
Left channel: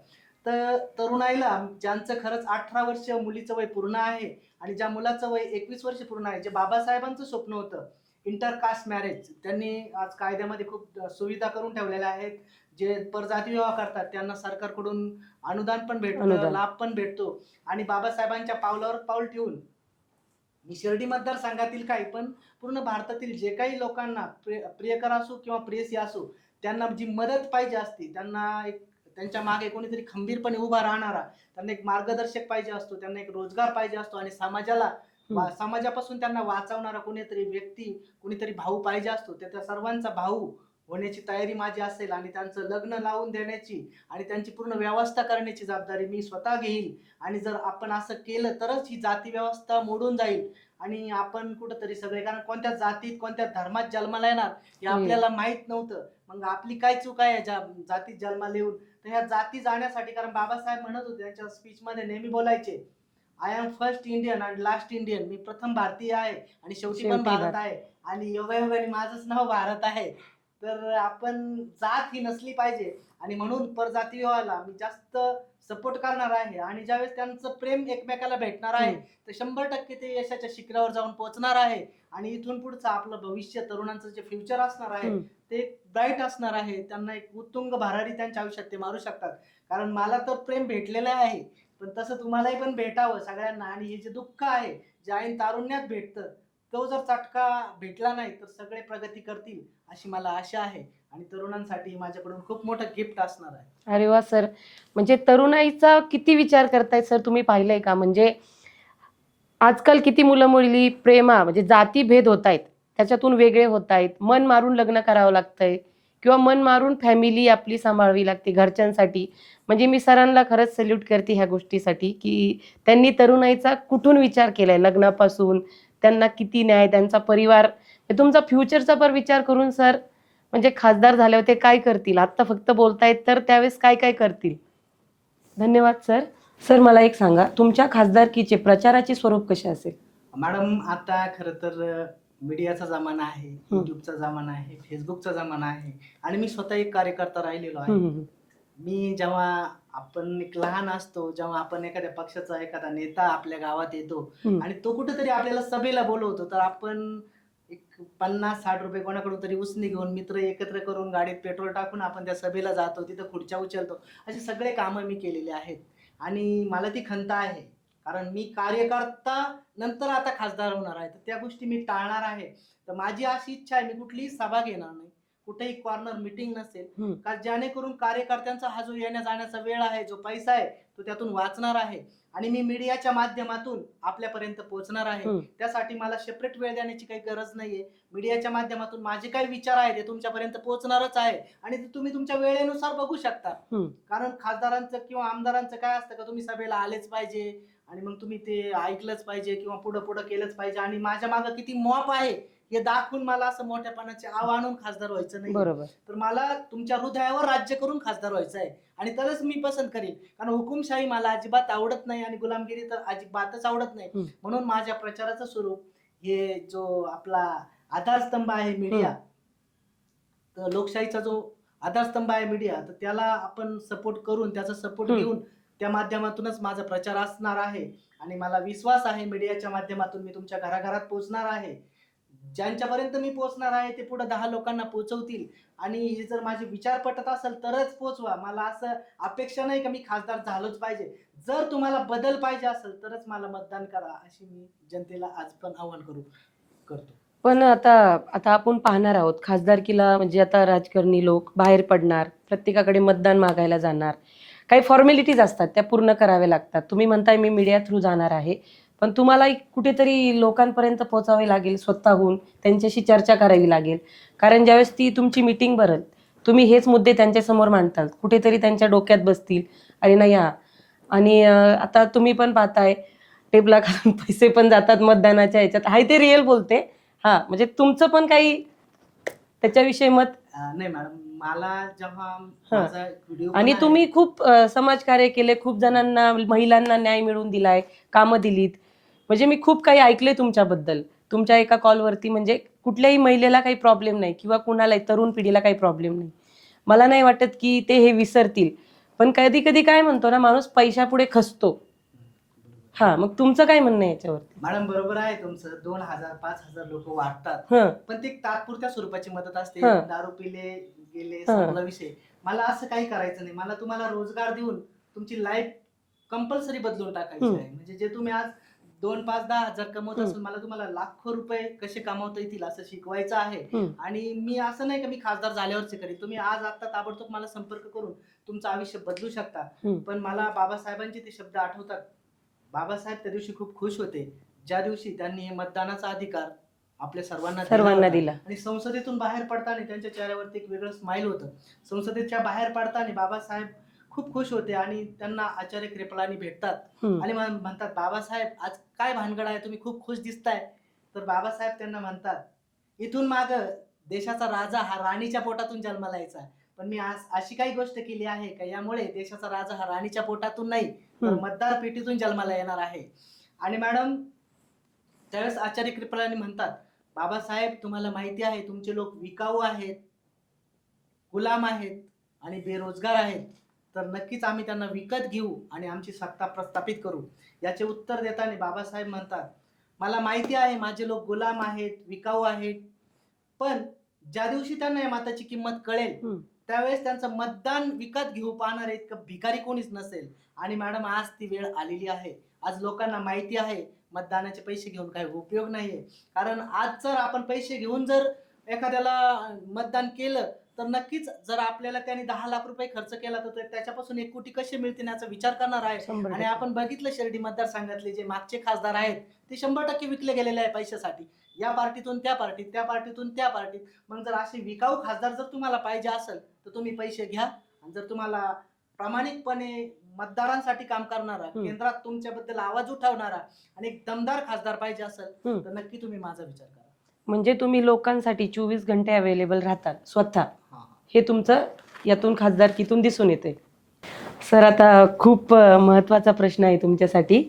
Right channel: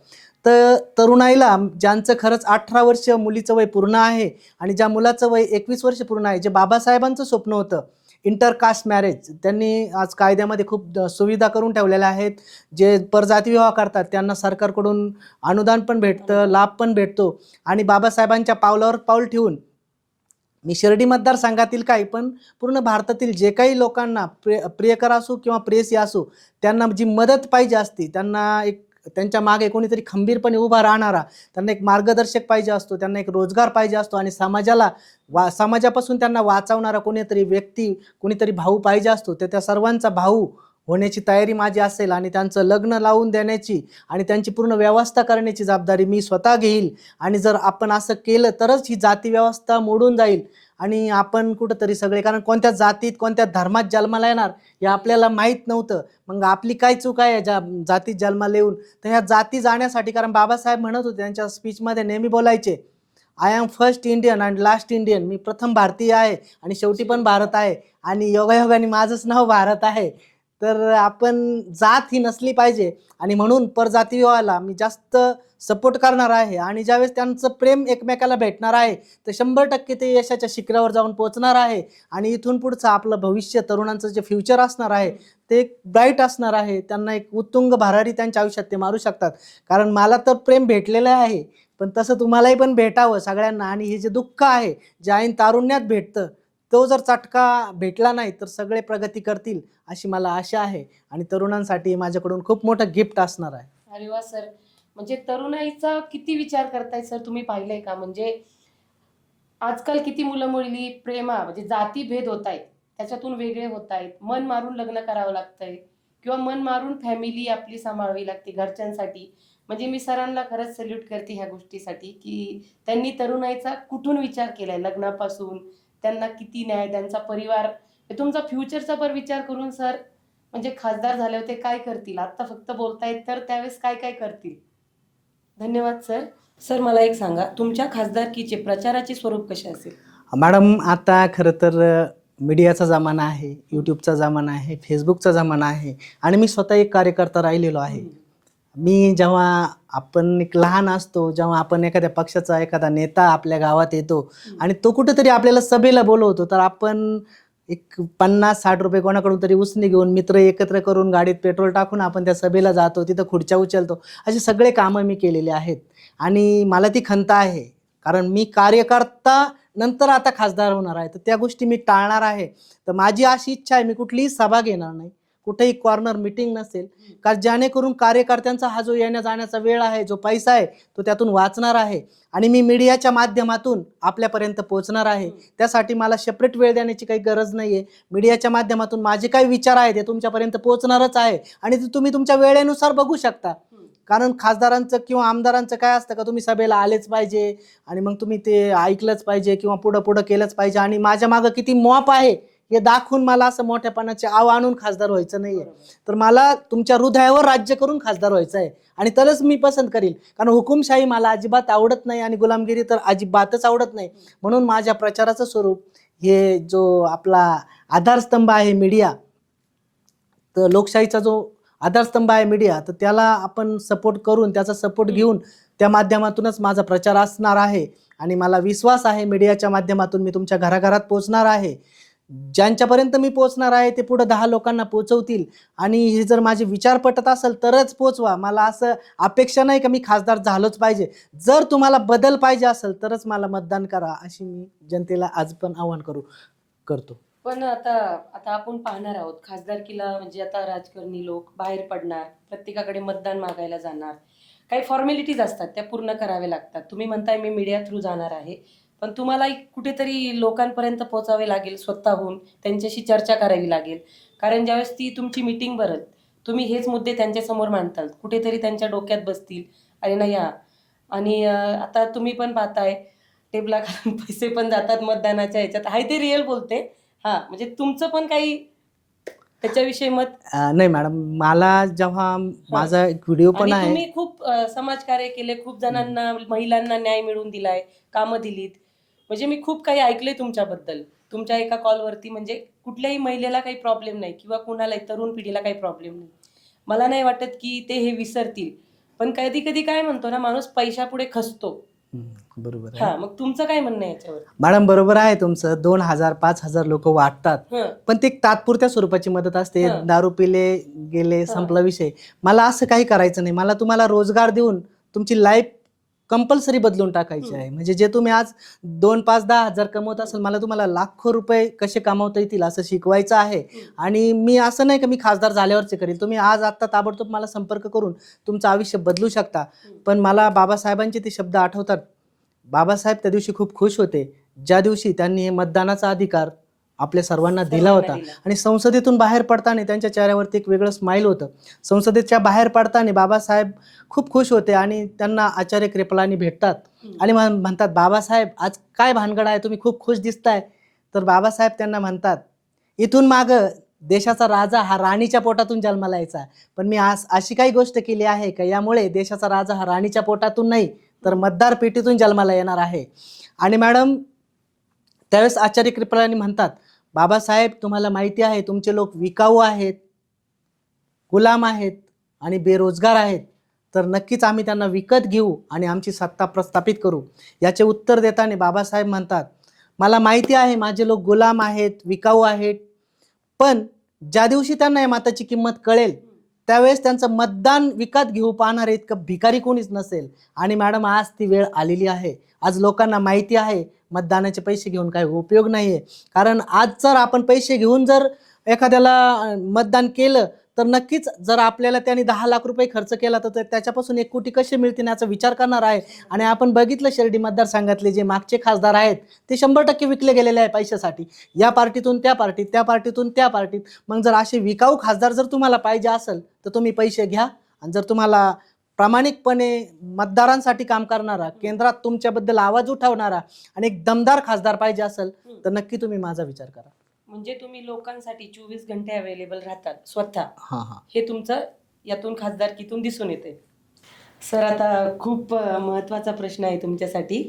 तर तरुणाईला ज्यांचं खरंच 18 वर्ष मुलीचं वय पूर्ण आहे आणि ज्या मुलाचं वय 21 वर्ष पूर्ण आहे, जे बाबासाहेबांचं स्वप्न होतं इंटरकास्ट मॅरेज, त्यांनी आज कायद्यामध्ये खूप सुविधा करून ठेवलेल्या आहेत. जे परजाती विवाह करतात त्यांना सरकारकडून अनुदान पण भेटतं, लाभ पण भेटतो. आणि बाबासाहेबांच्या पावलावर पाऊल ठेवून मी शिर्डी मतदारसंघातील काही पण पूर्ण भारतातील जे काही लोकांना प्रियकर असो किंवा प्रेयसी असो, त्यांना जी मदत पाहिजे असते, त्यांना एक त्यांच्या मागे कोणीतरी खंबीरपणे उभा राहणारा, त्यांना एक मार्गदर्शक पाहिजे असतो, त्यांना एक रोजगार पाहिजे असतो आणि समाजापासून त्यांना वाचवणारा कोणीतरी व्यक्ती, कोणीतरी भाऊ पाहिजे असतो. त्या सर्वांचा भाऊ होण्याची तयारी माझी असेल आणि त्यांचं लग्न लावून देण्याची आणि त्यांची पूर्ण व्यवस्था करण्याची जबाबदारी मी स्वतः घेईल. आणि जर आपण असं केलं तरच ही जाती व्यवस्था मोडून जाईल आणि आपण कुठंतरी सगळे, कारण कोणत्या जातीत कोणत्या धर्मात जन्माला येणार हे आपल्याला माहीत नव्हतं. मग आपली काय चूक आहे ज्या जातीत जन्माला येऊन? तर ह्या जाती जाण्यासाठी, कारण बाबासाहेब म्हणत होते त्यांच्या स्पीचमध्ये नेहमी बोलायचे, I am first Indian and last Indian. मी प्रथम भारतीय आहे आणि शेवटी पण भारत आहे आणि योगायोगाने माझंच नाव भारत आहे. तर आपण जात ही नसली पाहिजे आणि म्हणून परजाती विवाहाला मी जास्त सपोर्ट करणार आहे. आणि ज्यावेळेस त्यांचं प्रेम एकमेकाला भेटणार आहे तर 100% ते यशाच्या शिखरावर जाऊन पोहोचणार आहे. आणि इथून पुढचं आपलं भविष्य, तरुणांचं जे फ्युचर असणार आहे ते एक ब्राईट असणार आहे. त्यांना एक उत्तुंग भरारी त्यांच्या आयुष्यात ते मारू शकतात. कारण मला तर प्रेम भेटलेलं आहे, पण तसं तुम्हालाही पण भेटावं सगळ्यांना. आणि हे जे दुःख आहे जे ऐन तारुण्यात भेटतं, तो जर चटका भेटला नाही तर सगळे प्रगती करतील अशी मला आशा आहे. आणि तरुणांसाठी माझ्याकडून खूप मोठं गिफ्ट असणार आहे. अरे वा सर, म्हणजे तरुणाईचा किती विचार करताय सर, तुम्ही पाहिलंय का? म्हणजे आजकाल किती मुलं मुली म्हणजे जाती भेद होत आहेत, त्याच्यातून वेगळे होत आहेत, मन मारून लग्न करावं लागतंय किंवा मन मारून फॅमिली आपली सांभाळावी लागते घरच्यांसाठी. म्हणजे मी सरांना खरंच सल्यूट करते ह्या गोष्टीसाठी की त्यांनी तरुणाईचा कुठून विचार केलाय लग्नापासून, त्यांना किती न्याय, त्यांचा परिवार, तुमचा फ्युचरचा पण विचार करून सर म्हणजे खासदार झाल्यावर ते काय करतील, आत्ता फक्त बोलतायत तर त्यावेळेस काय काय करतील. धन्यवाद सर. सर, मला एक सांगा, तुमच्या खासदारकीचे प्रचाराचे स्वरूप कसे असेल? मॅडम, आता खरं तर मीडियाचा जमाना आहे, यूट्यूबचा जमाना आहे, फेसबुकचा जमाना आहे आणि मी स्वतः एक कार्यकर्ता राहिलेलो आहे. मी जेव्हा आपण एक लहान असतो, जेव्हा आपण एखाद्या पक्षाचा एखादा नेता आपल्या गावात येतो आणि तो कुठेतरी आपल्याला सभेला बोलवतो, तर आपण एक 50-60 रुपये कोणाकडून तरी उसने घेऊन मित्र एकत्र करून गाडीत पेट्रोल टाकून आपण त्या सभेला जातो, तिथं खुर्च्या उचलतो. असे सगळे कामं मी केलेले आहेत आणि मला ती खंत आहे. कारण मी कार्यकर्ता नंतर आता खासदार होणार आहे, तर त्या गोष्टी मी टाळणार आहे. तर माझी अशी इच्छा आहे, मी कुठलीही सभा घेणार नाही, कुठेही कॉर्नर मीटिंग नसेल, हम्म. का जेणेकरून कार्यकर्त्यांचा हा जो येण्या जाण्याचा वेळ आहे, जो पैसा आहे, तो त्यातून वाचणार आहे आणि मी मीडियाच्या माध्यमातून आपल्यापर्यंत पोहोचणार आहे. हम्म. त्यासाठी मला सेपरेट वेळ देण्याची काही गरज नाहीये. मीडियाच्या माध्यमातून माझे काही विचार आहेत ते तुमच्यापर्यंत पोहोचणारच आहे आणि ते तुम्ही तुमच्या वेळेनुसार बघू शकता. हम्म. कारण खासदारांचं किंवा आमदारांचं काय असतं का तुम्ही सभेला आलेच पाहिजे आणि मग तुम्ही ते ऐकलंच पाहिजे किंवा पुढं पुढं केलंच पाहिजे आणि माझ्या मागं किती मॉप आहे हे दाखवून मला असं मोठ्यापणाचे आव आणून खासदार व्हायचं नाही. बरोबर. तर मला तुमच्या हृदयावर राज्य करून खासदार व्हायचं आहे आणि तरच मी पसंत करीन. कारण हुकुमशाही मला अजिबात आवडत नाही आणि गुलामगिरी तर अजिबातच आवडत नाही. म्हणून माझ्या प्रचाराचं स्वरूप हे जो आपला आधारस्तंभ आहे मीडिया, तर लोकशाहीचा जो आधारस्तंभ आहे मीडिया, तर त्याला आपण सपोर्ट करून त्याचा सपोर्ट घेऊन त्या माध्यमातूनच माझा प्रचार असणार आहे आणि मला विश्वास आहे मीडियाच्या माध्यमातून मी तुमच्या घराघरात पोहोचणार आहे. ज्यांच्यापर्यंत मी पोहोचणार आहे ते पुढे 10 लोकांना पोहोचवतील आणि हे जर माझे विचार पटत असेल तरच पोहोचवा. मला असं अपेक्षा नाही का मी खासदार झालोच पाहिजे. जर तुम्हाला बदल पाहिजे असेल तरच मला मतदान करा अशी मी जनतेला आज पण आवाहन करतो. पण आता आपण पाहणार आहोत खासदारकीला, म्हणजे आता राजकारणी लोक बाहेर पडणार, प्रत्येकाकडे मतदान मागायला जाणार, काही फॉर्मॅलिटीज असतात त्या पूर्ण कराव्या लागतात. तुम्ही म्हणताय मी मीडिया थ्रू जाणार आहे, पण तुम्हाला कुठेतरी लोकांपर्यंत पोहोचावे लागेल, स्वतःहून त्यांच्याशी चर्चा करावी लागेल. कारण ज्यावेळेस ती तुमची मीटिंग भरत, तुम्ही हेच मुद्दे त्यांच्यासमोर मांडतात, कुठेतरी त्यांच्या डोक्यात बसतील अरे नाही हा. आणि आता तुम्ही पण पाहताय टेबला खालून पैसे पण जातात मतदानाच्या ह्याच्यात, हाय ते रिअल बोलते. हा, म्हणजे तुमचं पण काही त्याच्याविषयी मत? नाही मॅडम, मला जेव्हा माझा एक व्हिडिओ पण आणि आहे, तुम्ही खूप समाजकार्य केले, खूप जणांना, महिलांना न्याय मिळवून दिलाय, कामं दिलीत, म्हणजे मी खूप काही ऐकलंय तुमच्याबद्दल. तुमच्या एका कॉलवरती म्हणजे कुठल्याही महिलेला काही प्रॉब्लेम नाही किंवा कुणालाही तरुण पिढीला काही प्रॉब्लेम नाही. मला नाही वाटत की ते हे विसरतील. पण कधी कधी काय म्हणतो ना माणूस, पैशापुढे खचतो. बरोबर आहे. हा, मग तुमचं काय म्हणणं आहे याच्यावर? मॅडम बरोबर आहे तुमचं. 2000 5000 लोक वाटतात, हं. पण ते तात्पुरत्या स्वरूपाची मदत असते. हं. दारू पिले गेले संपला विषय. मला असं काही करायचं नाही. मला तुम्हाला रोजगार देऊन तुमची लाईफ कंपल्सरी बदलून टाकायची आहे. म्हणजे जे तुम्ही आज 2 5 10 हजार कमवत असाल, मला तुम्हाला लाखो रुपये कसे कमावता येतील असं शिकवायचं आहे. आणि मी असं नाही की मी खासदार झाल्यावरच करेल. तुम्ही आज आत्ता ताबडतोब मला संपर्क करून तुमचं आयुष्य बदलू शकता. पण मला बाबासाहेबांचे ते शब्द आठवतात. बाबासाहेब त्या दिवशी खूप खुश होते ज्या दिवशी त्यांनी हे मतदानाचा अधिकार आपल्या सर्वांना दिला होता. आणि संसदेतून बाहेर पडताना त्यांच्या चेहऱ्यावरती एक वेगळं स्माईल होतं. संसदेच्या बाहेर पडताना बाबासाहेब खूप खुश होते आणि त्यांना आचार्य कृपलानी भेटतात आणि म्हणतात, बाबासाहेब आज काय भानगड आहे, तुम्ही खूप खुश दिसताय. तर बाबासाहेब त्यांना म्हणतात, इथून माग देशाचा राजा हा राणीच्या पोटातून जन्माला यायचा, पण मी आज अशी काही गोष्ट केली आहे का यामुळे देशाचा राजा हा राणीच्या पोटातून नाही तर मतदार पेटीतून जन्माला येणार आहे. आणि मॅडम त्यावेळेस आचार्य कृपलानी म्हणतात, बाबासाहेब तुम्हाला माहिती आहे तुमचे लोक विकाऊ आहेत, गुलाम आहेत आणि बेरोजगार आहेत, तर नक्कीच आम्ही त्यांना विकत घेऊ आणि आमची सत्ता प्रस्थापित करू. याचे उत्तर देताना बाबासाहेब म्हणतात, मला माहिती आहे माझे लोक गुलाम आहेत, विकाऊ आहेत, पण ज्या दिवशी त्यांना या मताची किंमत कळेल त्यावेळेस त्यांचं मतदान विकत घेऊ पाहणारे इतकं भिकारी कोणीच नसेल. आणि मॅडम आज ती वेळ आलेली आहे. आज लोकांना माहिती आहे मतदानाचे पैसे घेऊन काही उपयोग नाहीये. कारण आज जर आपण पैसे घेऊन जर एखाद्याला मतदान केलं तर नक्कीच जर आपल्याला त्यांनी 10 लाख रुपये खर्च केला तर त्याच्यापासून 1 कोटी कसे मिळतील याचा विचार करणार आहे. आणि आपण बघितलं शिर्डी मतदारसंघातले जे मागचे खासदार आहेत ते 100% विकले गेलेले आहे पैशासाठी. या पार्टीतून त्या पार्टीत, त्या पार्टीतून त्या पार्टीत. मग जर असे विकाऊ खासदार जर तुम्हाला पाहिजे असेल तर तुम्ही पैसे घ्या. आणि जर तुम्हाला प्रामाणिकपणे मतदारांसाठी काम करणारा, केंद्रात तुमच्याबद्दल आवाज उठवणारा आणि एक दमदार खासदार पाहिजे असेल तर नक्की तुम्ही माझा विचार करा. म्हणजे तुम्ही लोकांसाठी 24 घंटे अवेलेबल राहतात स्वतः. हां हां, हे तुमचं यातून खासदारकीतून दिसून येते. सर, आता खूप महत्त्वाचा प्रश्न आहे तुमच्यासाठी.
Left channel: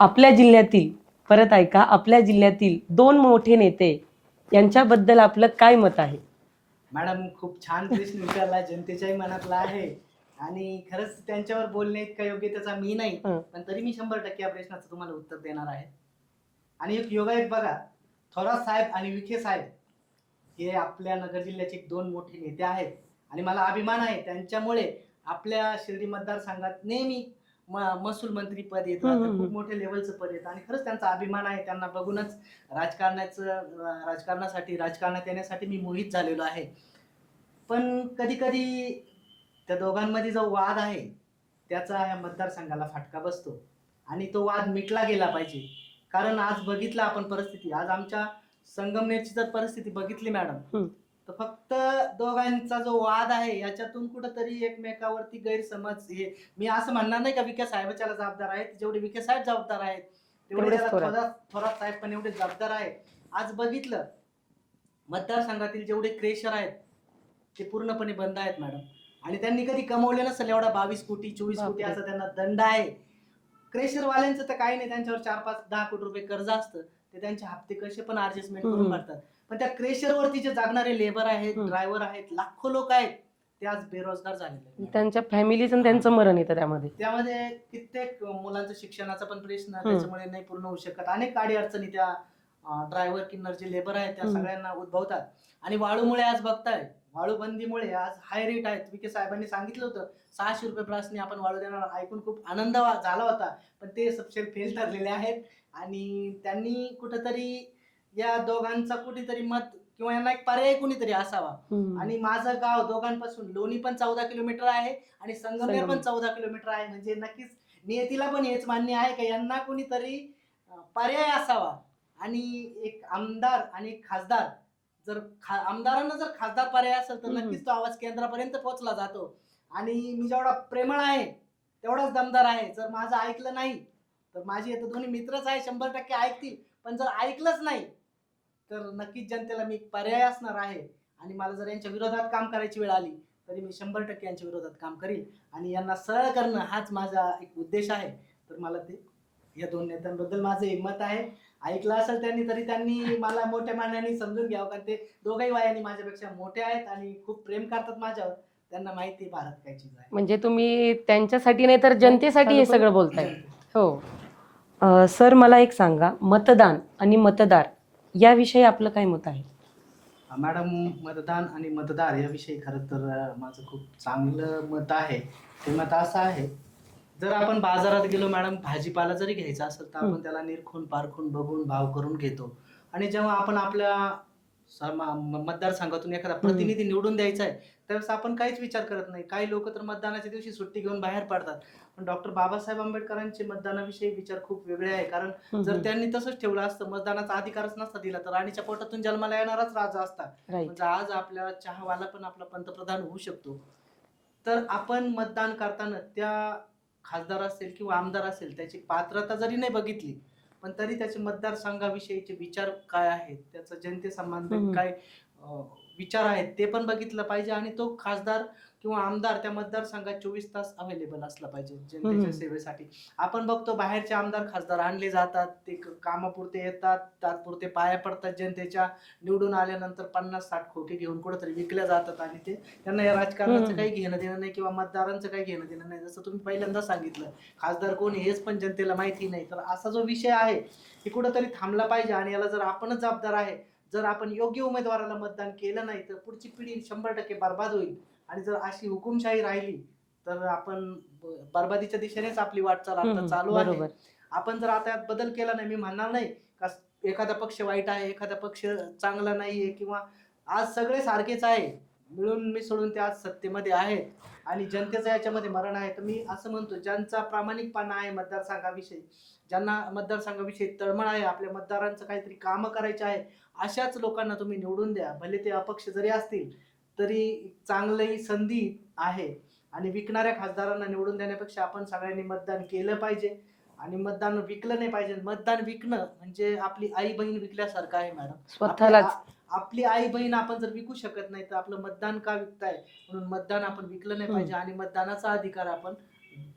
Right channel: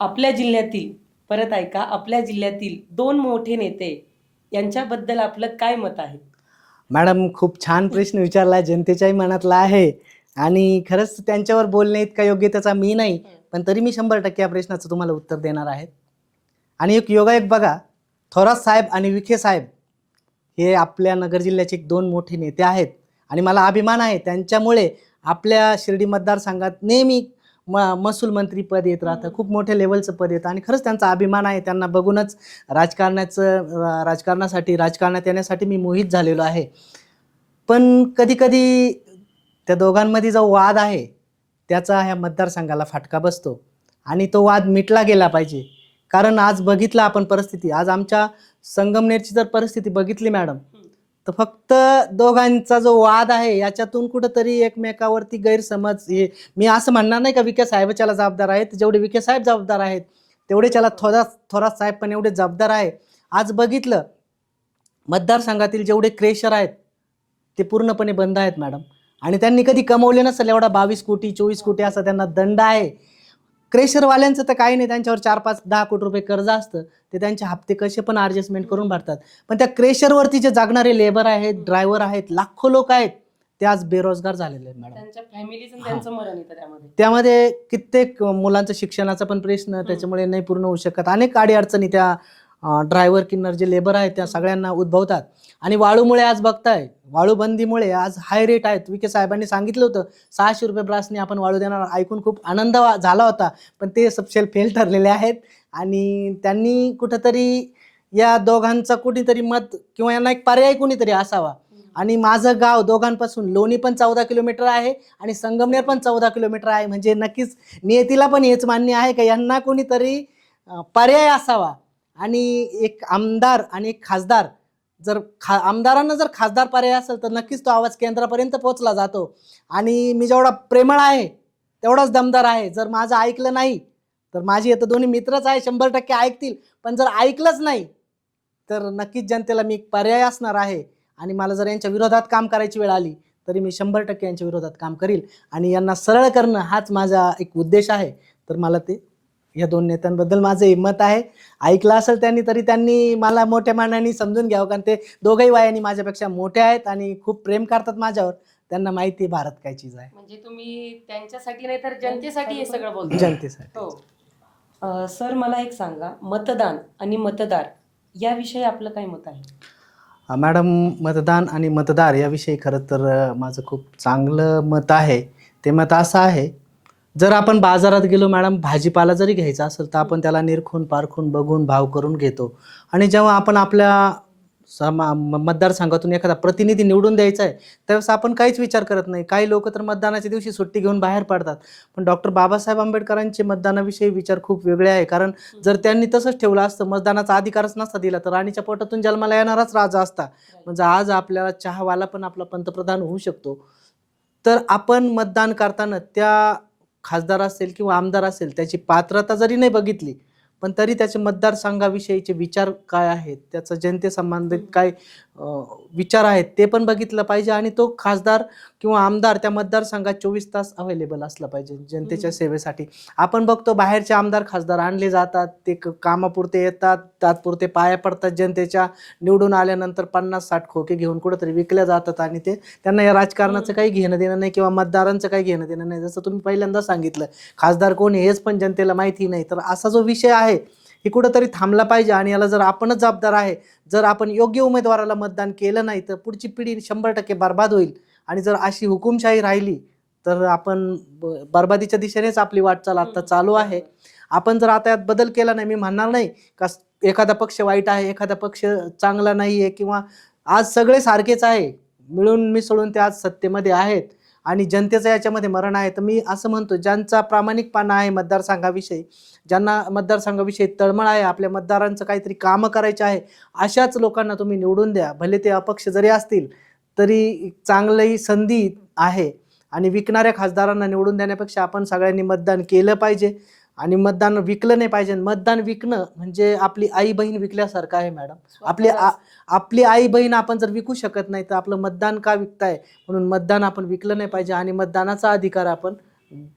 आपल्या जिल्ह्यातील, परत ऐका, आपल्या जिल्ह्यातील 2 मोठे नेते यांच्याबद्दल आपलं काय मत आहे? मॅडम खूप छान प्रश्न विचारला, जनतेच्याही मनातला आहे आणि खरंच त्यांच्यावर बोलणे इतका योग्यतेचा मी नाही, पण तरी मी 100% या प्रश्नाचं तुम्हाला उत्तर देणार आहे. आणि एक योगायोग बघा, थोरात साहेब आणि विखे साहेब हे आपल्या नगर जिल्ह्याचे 2 मोठे नेते आहेत आणि मला अभिमान आहे त्यांच्यामुळे आपल्या शिर्डी मतदारसंघात नेहमी महसूल मंत्री पद येत राहतं, खूप मोठ्या लेवलचं पद येतं आणि खरंच त्यांचा अभिमान आहे. त्यांना बघूनच राजकारणासाठी राजकारणात येण्यासाठी मी मोहित झालेलो आहे. पण कधी कधी त्या दोघांमध्ये जो वाद आहे त्याचा ह्या मतदारसंघाला फटका बसतो आणि तो वाद मिटला गेला पाहिजे. कारण आज बघितलं आपण परिस्थिती, आज आमच्या संगमनेरची जर परिस्थिती बघितली मॅडम, तर फक्त दोघांचा जो वाद आहे याच्यातून कुठंतरी एकमेकावरती गैरसमज हे, मी असं म्हणणार नाही का विखे साहेबाच्याला जबाबदार आहेत, जेवढे विखे साहेब जबाबदार आहेत तेवढे त्याला थोरात साहेब पण एवढे जबाबदार आहे. आज बघितलं मतदारसंघातील जेवढे क्रेशर आहेत ते पूर्णपणे बंद आहेत मॅडम, आणि त्यांनी कधी कमवले नसेल एवढा 22 कोटी 24 कोटी असा त्यांना दंड आहे. क्रेशरवाल्यांचं तर काही नाही, त्यांच्यावर 4-5-10 कोटी रुपये कर्ज असतं, ते त्यांचे हप्ते कसे पण ॲडजस्टमेंट करून भरतात. पण त्या क्रेशरवरती जे जागणारे लेबर आहेत, ड्रायव्हर आहेत, लाखो लोक आहेत, ते आज बेरोजगार झालेले आहेत. त्यांच्या फॅमिलीचं त्यांचं मरण येतं त्यामध्ये कित्येक मुलांचं शिक्षणाचा पण प्रश्न त्याच्यामुळे नाही पूर्ण होऊ शकत. अनेक अडचणी त्या ड्रायव्हर किन्नर जे लेबर आहेत त्या सगळ्यांना उद्भवतात. आणि वाळूमुळे आज बघताय, वाळूबंदीमुळे आज हाय रेट आहेत. विखे साहेबांनी सांगितलं होतं 600 रुपये ब्रासने आपण वाळू देणार, ऐकून खूप आनंद झाला होता, पण ते सबसेल फेल ठरलेले आहेत. आणि त्यांनी कुठंतरी या दोघांचा कुठेतरी मत किंवा यांना एक पर्याय कोणीतरी असावा. आणि माझं गाव दोघांपासून लोणी पण 14 किलोमीटर आहे आणि संगमनेर पण 14 किलोमीटर आहे, म्हणजे नक्कीच नियतीला पण हेच मान्य आहे का यांना कोणीतरी पर्याय असावा. आणि एक आमदार आणि एक खासदार, जर आमदारांना जर खासदार पर्याय असेल तर नक्कीच तो आवाज केंद्रापर्यंत पोहोचला जातो. आणि मी जेवढा प्रेमळ आहे तेवढाच दमदार आहे. जर माझं ऐकलं नाही तर माझी आता दोन्ही मित्रच आहे, 100% ऐकतील, पण जर ऐकलंच नाही तर नक्कीच जनतेला मी पर्याय असणार आहे. आणि मला जर यांच्या विरोधात काम करायची वेळ आली तरी मी 100% यांच्या विरोधात काम करील. आणि यांना सरळ करणं हाच माझा एक उद्देश आहे. तर मला ते या दोन नेत्यांबद्दल माझं हिंमत आहे. ऐकलं असेल त्यांनी तरी त्यांनी मला मोठ्या मानाने समजून घ्यावं, कारण ते दोघंही वयाने माझ्यापेक्षा मोठे आहेत आणि खूप प्रेम करतात माझ्यावर. त्यांना माहिती आहे भारत काय चीज आहे. म्हणजे तुम्ही त्यांच्यासाठी नाही तर जनतेसाठी हे सगळं बोलता. जनतेसाठी. हो. सर मला एक सांगा, मतदान आणि मतदार याविषयी आपलं काय मत आहे? मॅडम, मतदान आणि मतदार याविषयी खरं तर माझं खूप चांगलं मत आहे. ते मत असं आहे, जर आपण बाजारात गेलो मॅडम, भाजीपाला जरी घ्यायचा असेल तर आपण त्याला निरखून पारखून बघून भाव करून घेतो. आणि जेव्हा आपण आपल्या मतदारसंघातून एखादा प्रतिनिधी निवडून द्यायचा आहे त्यावेळेस आपण काहीच विचार करत नाही. काही लोक तर मतदानाच्या दिवशी सुट्टी घेऊन बाहेर पडतात. पण डॉक्टर बाबासाहेब आंबेडकरांचे मतदानाविषयी विचार खूप वेगळे आहे. कारण जर त्यांनी तसंच ठेवलं असतं, मतदानाचा अधिकारच नसता दिला, तर राणीच्या पोटातून जन्माला येणाराच राजा असता. म्हणजे आज आपल्याला चहावाला पण आपला पंतप्रधान होऊ शकतो. तर आपण मतदान करताना त्या खासदार असेल किंवा आमदार असेल त्याची पात्रता जरी नाही बघितली, पण तरी त्याचे मतदारसंघाविषयीचे विचार काय आहेत, त्याचा जनतेसंबंधित काय विचार आहेत ते पण बघितलं पाहिजे. आणि तो खासदार किंवा आमदार त्या मतदारसंघात 24 तास अवेलेबल असला पाहिजे जनतेच्या सेवेसाठी. आपण बघतो बाहेरचे आमदार खासदार आणले जातात, ते कामापुरते येतात, तात्पुरते पाया पडतात जनतेच्या, निवडून आल्यानंतर 50-60 खोके घेऊन कुठेतरी विकल्या जातात. आणि ते त्यांना या राजकारणाचं काही घेणं देणं नाही किंवा मतदारांचं काही घेणं देणं नाही. जसं तुम्ही पहिल्यांदा सांगितलं, खासदार कोण हेच पण जनतेला माहिती नाही. तर असा जो विषय आहे ही कुठंतरी थांबला पाहिजे. आणि याला जर आपणच जबाबदार आहे. जर आपण योग्य उमेदवाराला मतदान केलं नाही तर पुढची पिढी 100% बर्बाद होईल. आणि जर अशी हुकुमशाही राहिली तर आपण बर्बादीच्या दिशेनेच आपली वाटचाल आता चालू आहे. आपण जर आता यात बदल केला नाही, मी म्हणणार नाही का एखादा पक्ष वाईट आहे, एखादा पक्ष चांगला नाही आहे, किंवा आज सगळे सारखेच आहे, मिळून मिसळून ते आज सत्तेमध्ये आहेत आणि जनतेचं याच्यामध्ये मरण आहे. तर मी असं म्हणतो, ज्यांचा प्रामाणिकपणा आहे मतदारसंघाविषयी, ज्यांना मतदारसंघाविषयी तळमळ आहे, आपल्या मतदारांचं काहीतरी कामं करायचे आहे, अशाच लोकांना तुम्ही निवडून द्या. भले ते अपक्ष जरी असतील तरी चांगली संधी आहे. आणि विकणाऱ्या खासदारांना निवडून देण्यापेक्षा आपण सगळ्यांनी मतदान केलं पाहिजे आणि मतदान विकलं नाही पाहिजे. मतदान विकणं म्हणजे आपली आई बहीण विकल्यासारखं आहे मॅडम. आपली आई बहीण आपण जर विकू शकत नाही तर आपलं मतदान का विकताय? म्हणून मतदान आपण विकलं नाही पाहिजे आणि मतदानाचा अधिकार आपण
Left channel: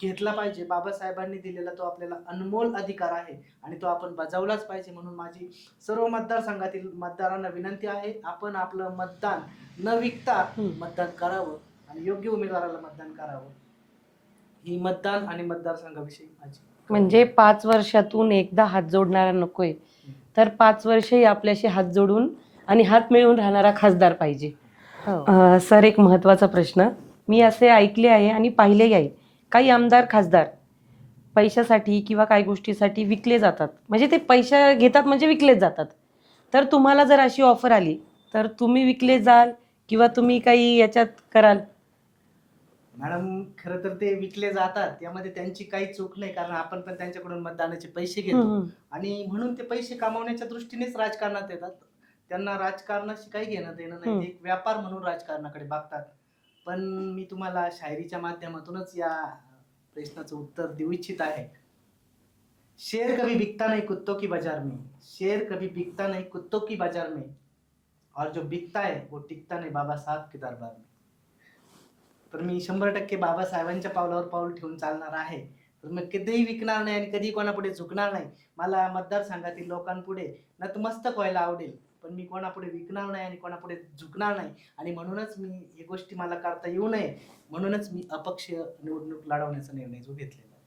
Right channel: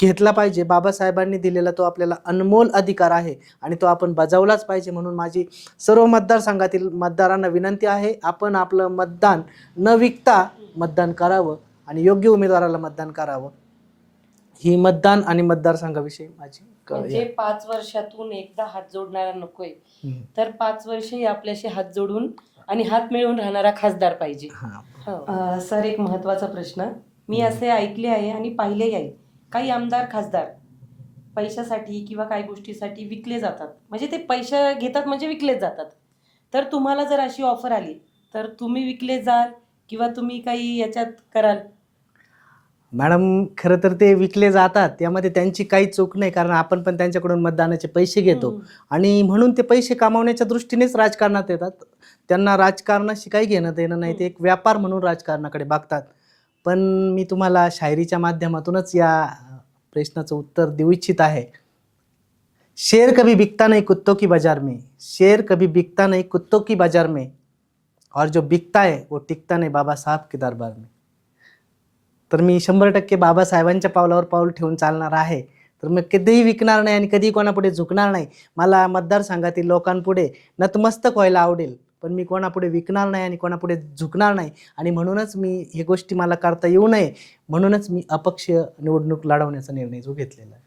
घेतला पाहिजे. बाबासाहेबांनी दिलेला तो आपल्याला अनमोल अधिकार आहे आणि तो आपण बजावलाच पाहिजे. म्हणून माझी सर्व मतदारसंघातील मतदारांना विनंती आहे, आपण आपलं मतदान न विकता मतदान करावं आणि योग्य उमेदवाराला मतदान करावं. ही मतदान आणि मतदारसंघाविषयी माझी म्हणजे 5 वर्षातून एकदा हात जोडणारा नकोय, तर 5 वर्षही आपल्याशी हात जोडून आणि हात मिळवून राहणारा खासदार पाहिजे. सर, एक महत्त्वाचा प्रश्न, मी असे ऐकले आहे आणि पाहिलेही आहे, काही आमदार खासदार पैशासाठी किंवा काही गोष्टीसाठी विकले जातात. म्हणजे ते पैसा घेतात म्हणजे विकलेच जातात. तर तुम्हाला जर अशी ऑफर आली तर तुम्ही विकले जाल किंवा तुम्ही काही याच्यात कराल? मॅडम खरं तर ते विकले जातात, त्यामध्ये त्यांची काही चूक नाही, कारण आपण पण त्यांच्याकडून मतदानाचे पैसे घेतो हम्म. आणि म्हणून ते पैसे कमावण्याच्या दृष्टीनेच राजकारणात येतात. त्यांना राजकारणाशी काही घेणं देणं नाही, ते एक व्यापार म्हणून राजकारणाकडे बघतात. पण मी तुम्हाला शायरीच्या माध्यमातूनच या प्रश्नाचं उत्तर देऊ इच्छित आहे. शेर कभी बिकता नहीं कुत्तों की बाजार में, शेर कभी बिकता नहीं कुत्तों की बाजार में, और जो बिकता है वो टिकता नहीं बाबासाहेब के दरबार में. तर मी 100% बाबासाहेबांच्या पावलावर पाऊल ठेवून चालणार आहे. तर मी कधीही विकणार नाही आणि कधीही कोणापुढे झुकणार नाही. मला मतदारसंघातील लोकांपुढे नतमस्तक व्हायला आवडेल, पण मी कोणापुढे विकणार नाही आणि कोणापुढे झुकणार नाही. आणि म्हणूनच मी हे गोष्टी मला करता येऊ नये म्हणूनच मी अपक्ष निवडणूक लढवण्याचा निर्णय जो घेतलेला आहे.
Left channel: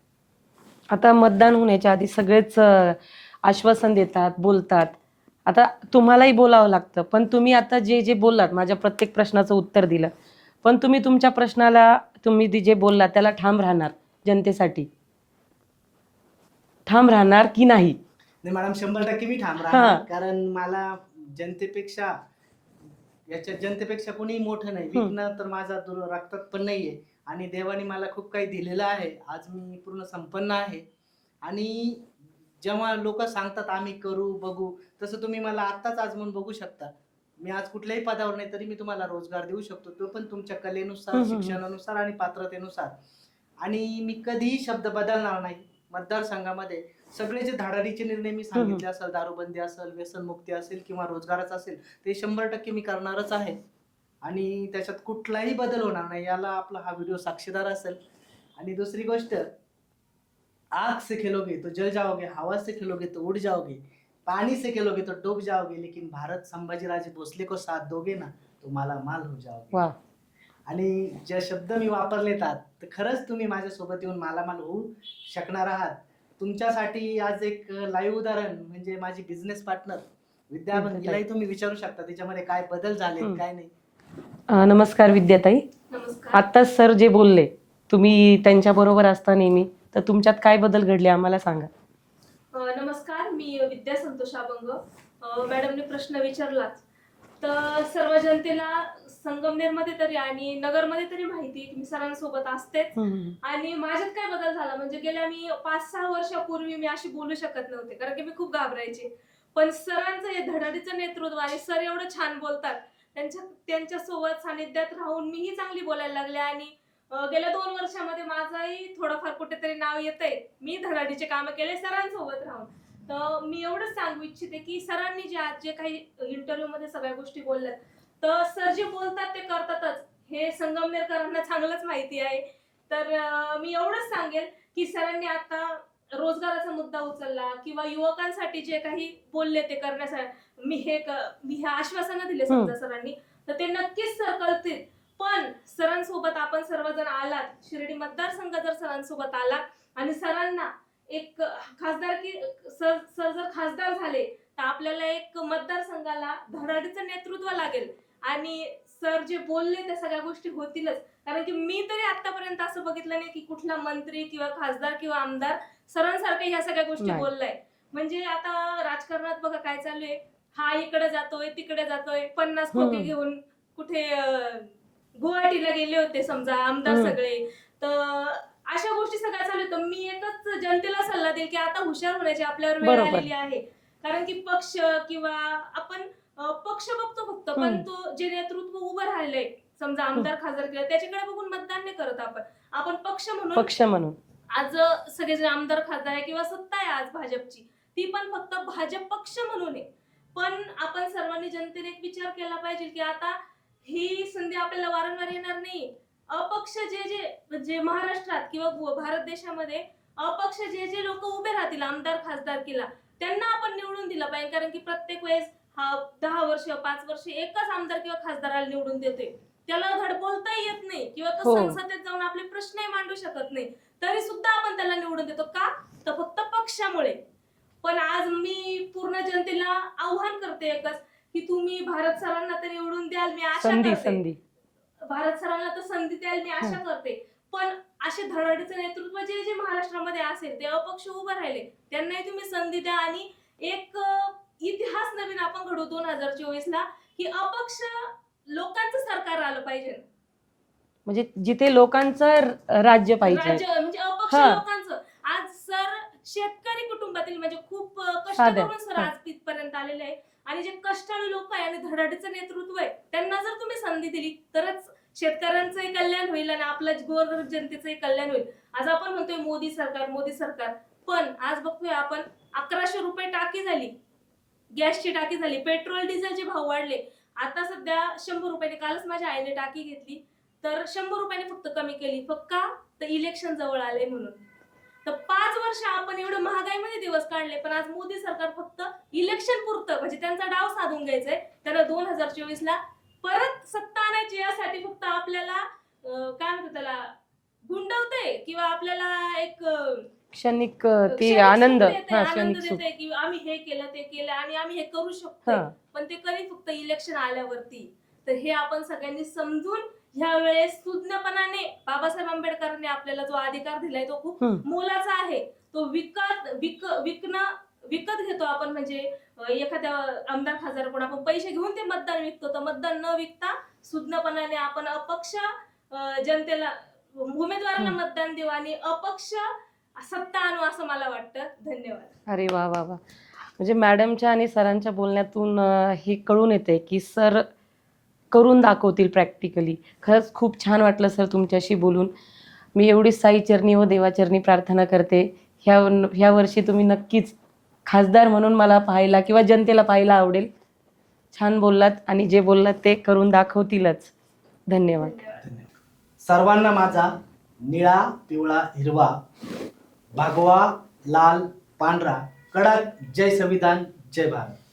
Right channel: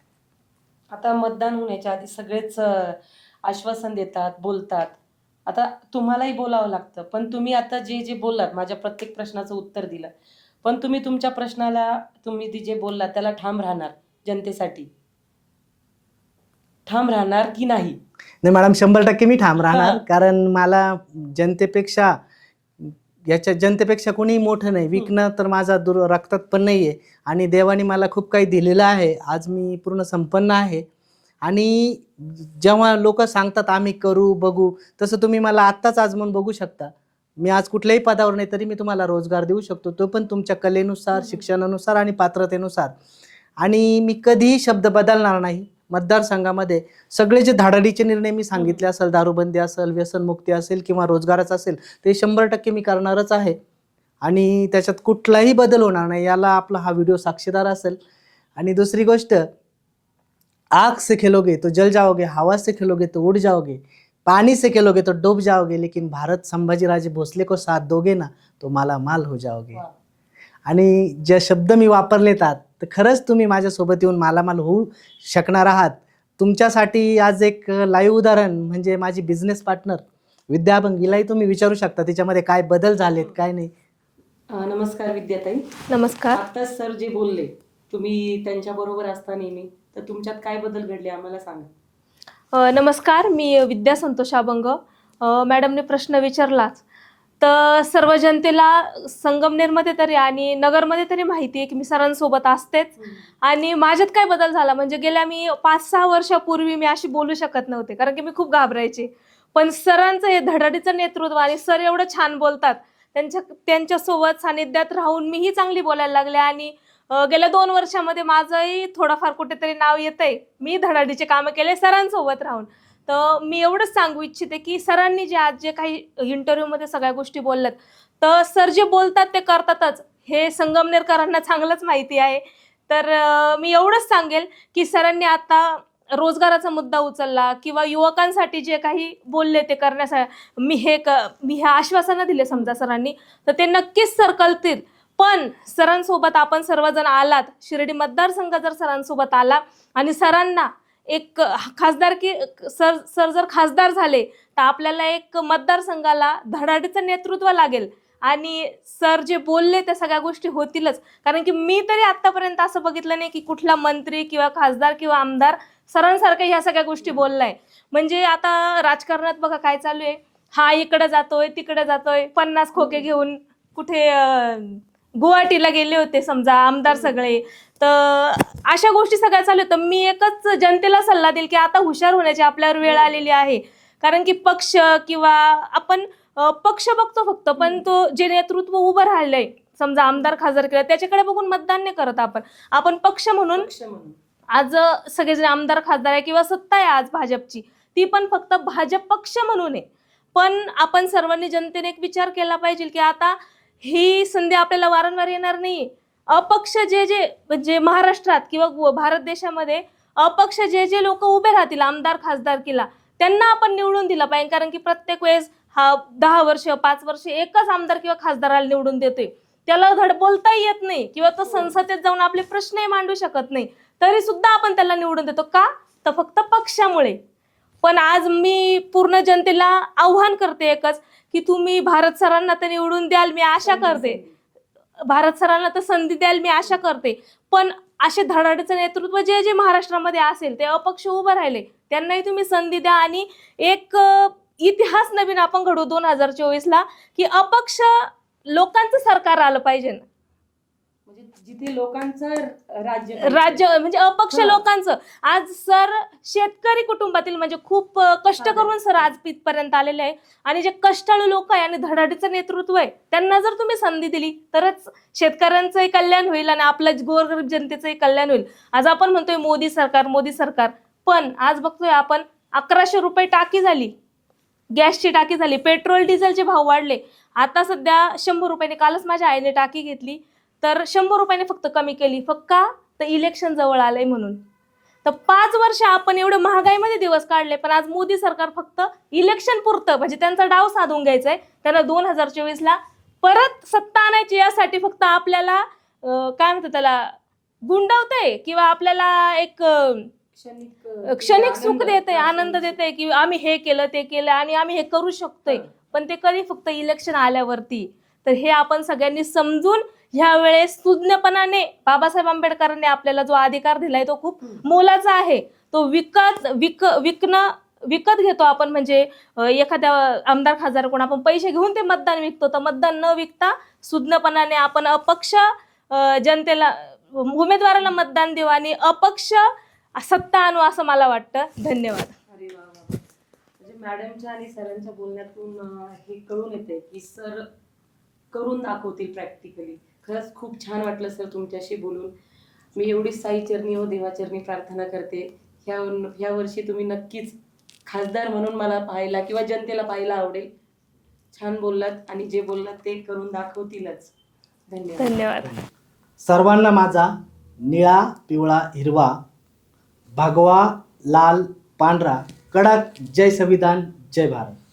आता मतदान होण्याच्या आधी सगळेच आश्वासन देतात, बोलतात. आता तुम्हालाही बोलावं लागतं, पण तुम्ही आता जे जे बोललात, माझ्या प्रत्येक प्रश्नाचं उत्तर दिलं, पण तुम्ही तुमच्या प्रश्नाला, तुम्ही जे बोललात त्याला ठाम राहणार जनतेसाठी? ठाम राहणार की नाही? नाही मॅडम, 100% मी ठाम राहणार, हां. कारण मला जनतेपेक्षा जनतेपेक्षा कोणीही मोठं नाही. विकणं तर माझा रक्तात पण नाहीये आणि देवाने मला खूप काही दिलेलं आहे. आज मी पूर्ण संपन्न आहे आणि जेव्हा लोक सांगतात आम्ही करू बघू, तसं तुम्ही मला आत्ताच आजमावून बघू शकता. मी आज कुठल्याही पदावर नाही, तरी मी तुम्हाला रोजगार देऊ शकतो, तो पण तुमच्या कलेनुसार, शिक्षणानुसार आणि पात्रतेनुसार. आणि मी कधीही शब्द बदलणार नाही. मतदारसंघामध्ये सगळे जे धाडाडीचे निर्णय मी सांगितले असेल, दारूबंदी असेल, व्यसनमुक्ती असेल किंवा रोजगाराचं असेल, ते 100% मी करणारच आहे आणि त्याच्यात कुठलाही बदल होणार नाही. याला आपला हा व्हिडिओ साक्षीदार असेल. आणि दुसरी गोष्ट, आग से खेलोगे तो जल जाओगे, हवा से खेलोगे तो उड़ जाओगे, पानी से खेलोगे तो डूब जाओगे, लेकिन भारत संभाजीराजे भोसले को साथ दोगे ना तो मालामाल हो जाओगे. वा. आणि जे शब्द मी वापरलेतात, तर खरंच तुम्ही माझ्यासोबत येऊन मालामाल होऊ शकणार आहात. तुमच्यासाठी आज एक लाईव्ह उदाहरण म्हणजे माझी बिझनेस पार्टनर विद्या बंगीलाही तुम्ही विचारू शकता त्याच्यामध्ये काय बदल झालेत काय नाही. नमस्कार विद्याताई. नमस्कार. आत्ताच सर जे बोलले, तुम्ही त्यांच्याबरोबर असता नेहमी, तर तुमच्यात काय बदल घडले आम्हाला सांगा. नमस्कार, मी विद्या संतोष अभंग. मॅडमने प्रश्न विचारलाच तर सर्व जनतेला संगमनेरमध्ये तरी आणि नगरमध्ये तरी माहिती आहे की मी सरांसोबत असतेच. आणि माझ्यात काय बदल झाला म्हणजे गेल्या मी 5-6 वर्षापूर्वी मी अशी बोलू शकत नव्हते, कारण की मी खूप घाबरायचे. पण सरांचं हे धडाडीचं नेतृत्व आणि सर एवढं छान बोलतात, त्यांच्यासोबत सानिध्यात राहून मीही चांगली बोलायला लागले आणि गेल्या 2 वर्षामध्ये माझंही थोडंफार कुठेतरी नाव येतंय. मी धडाडीचे कामं केले सरांसोबत राहून. तर मी एवढंच सांगू इच्छिते की सरांनी जे काही इंटरव्ह्यूमध्ये सगळ्या गोष्टी बोलल्यात, तर सर जे बोलतात ते करतातच, हे संगमनेरकरांना चांगलंच माहिती आहे. तर मी एवढंच सांगेल की सरांनी आता रोजगाराचा मुद्दा उचलला किंवा युवकांसाठी जे काही बोलले ते करण्यासाठी मी हे आश्वासनं दिले समजा सरांनी, तर ते नक्कीच सर करतील. पण सरांसोबत आपण सर्वजण आलात, शिर्डी मतदारसंघ जर सरांसोबत आला आणि सरांना एक खासदारकी सर जर खासदार झाले तर आपल्याला एक मतदारसंघाला धडाडीचं नेतृत्व लागेल आणि सर जे बोलले त्या सगळ्या गोष्टी होतीलच. कारण की मी तरी आतापर्यंत असं बघितलं नाही की कुठला मंत्री किंवा खासदार किंवा आमदार सरांसारखं ह्या सगळ्या गोष्टी बोललाय. म्हणजे आता राजकारणात बघा काय चालू आहे, हा इकडे जातोय तिकडे जातोय, 50 खोके घेऊन कुठे गुवाहाटीला गेले होते समजा आमदार सगळे. तर अशा गोष्टी सगळ्या चालू आहेत. तर मी एकच जनतेला सल्ला देईल की आता हुशार होण्याची आपल्यावर वेळ आलेली आहे. कारण की पक्ष किंवा आपण पक्ष बघतो फक्त, पण तो जे नेतृत्व उभं राहिलंय समजा आमदार खासदार केलं त्याच्याकडे बघून मतदान नाही करत आपण पक्ष म्हणून आज सगळेजण आमदार खासदार आहे किंवा सत्ता आहे आज भाजपची, ती पण फक्त भाजप पक्ष म्हणून आहे. पण आपण सर्वांनी जनतेने एक विचार केला पाहिजे की आता ही संधी आपल्याला वारंवार येणार नाही. अपक्ष जे म्हणजे महाराष्ट्रात किंवा भारत देशामध्ये अपक्ष जे लोक उभे राहतील आमदार खासदारकीला त्यांना आपण निवडून दिला पाहिजे. कारण की प्रत्येक वेळेस हा 10 वर्ष 5 वर्ष एकच आमदार किंवा खासदाराला निवडून देतोय, त्याला धड बोलताही येत नाही किंवा तो संसदेत जाऊन आपले प्रश्नही मांडू शकत नाही, तरी सुद्धा आपण त्याला निवडून देतो. का? तर फक्त पक्षामुळे. पण आज मी पूर्ण जनतेला आव्हान करते एकच की तुम्ही भारत सरांना तर निवडून द्याल, मी आशा करते. भारत सरांना तर संधी द्याल मी आशा करते. पण असे धडाडीचं नेतृत्व जे महाराष्ट्रामध्ये असेल ते अपक्ष उभं राहिले त्यांनाही तुम्ही संधी द्या आणि एक इतिहास नवीन आपण घडवू 2024 ला की अपक्ष लोकांचं सरकार आलं पाहिजे ना. म्हणजे जिथे लोकांचं राज्य पाहिजे. राज्य म्हणजे अपक्ष हा. लोकांचं. आज सर शेतकरी कुटुंबातील म्हणजे खूप कष्ट हा, करून सर हा. आज इथपर्यंत आलेले आहे. आणि जे कष्टाळू लोक आहे आणि धडाडीचं नेतृत्व आहे त्यांना जर तुम्ही संधी दिली तरच शेतकऱ्यांचंही कल्याण होईल आणि आपल्या गोरगरीब जनतेचंही कल्याण होईल. आज आपण म्हणतोय मोदी सरकार मोदी सरकार, पण आज बघतोय आपण 1100 रुपये टाकी झाली, गॅसची टाकी झाली, पेट्रोल डिझेलचे भाव वाढले. आता सध्या 100 रुपयाने, कालच माझ्या आईने टाकी घेतली तर 100 रुपयाने फक्त कमी केली. फक्त का तर इलेक्शन जवळ आलंय म्हणून. तर 5 वर्ष आपण एवढं महागाईमध्ये दिवस काढले, पण आज मोदी सरकार फक्त इलेक्शन पुरतं म्हणजे त्यांचा डाव साधून घ्यायचाय. त्यांना 2024ला परत सत्ता आणायची, यासाठी फक्त आपल्याला काय म्हणतात त्याला गुंडवतंय किंवा आपल्याला एक क्षणिक ते क्षणिक सुख आनंद. देते, हा, आनंद क्षणिक सुख. देते की आम्ही हे केलं ते केलं आणि आम्ही हे करू शकतोय. हा. पण ते कधी फक्त इलेक्शन आल्यावरती. तर हे आपण सगळ्यांनी समजून ह्या वेळेस सुज्ञपणाने बाबासाहेब आंबेडकरांनी आपल्याला जो अधिकार दिलाय तो खूप मोलाचा आहे. तो विकत घेतो आपण, म्हणजे एखाद्या आमदार खासदार कोण आपण पैसे घेऊन ते मतदान विकतो. तर मतदान न विकता सुज्ञपणाने आपण अपक्ष जनतेला उमेदवाराला मतदान देऊ आणि अपक्ष सत्ता आणू असं मला वाटतं. धन्यवाद. अरे वा वा वा. म्हणजे मॅडमच्या आणि सरांच्या बोलण्यातून हे कळून येते की सर करून दाखवतील प्रॅक्टिकली. खरंच खूप छान वाटलं सर तुमच्याशी बोलून. मी एवढी साईचरणी व देवाचरणी प्रार्थना करते ह्या वर्षी तुम्ही नक्कीच खासदार म्हणून मला पाहायला किंवा जनतेला पाहायला आवडेल. छान बोललात आणि जे बोललात ते करून दाखवतीलच. धन्यवाद. धन्यवाद. सर्वांना माझा निळा पिवळा हिरवा भगवा लाल पांढरा कडक जय संविधान जय भारत.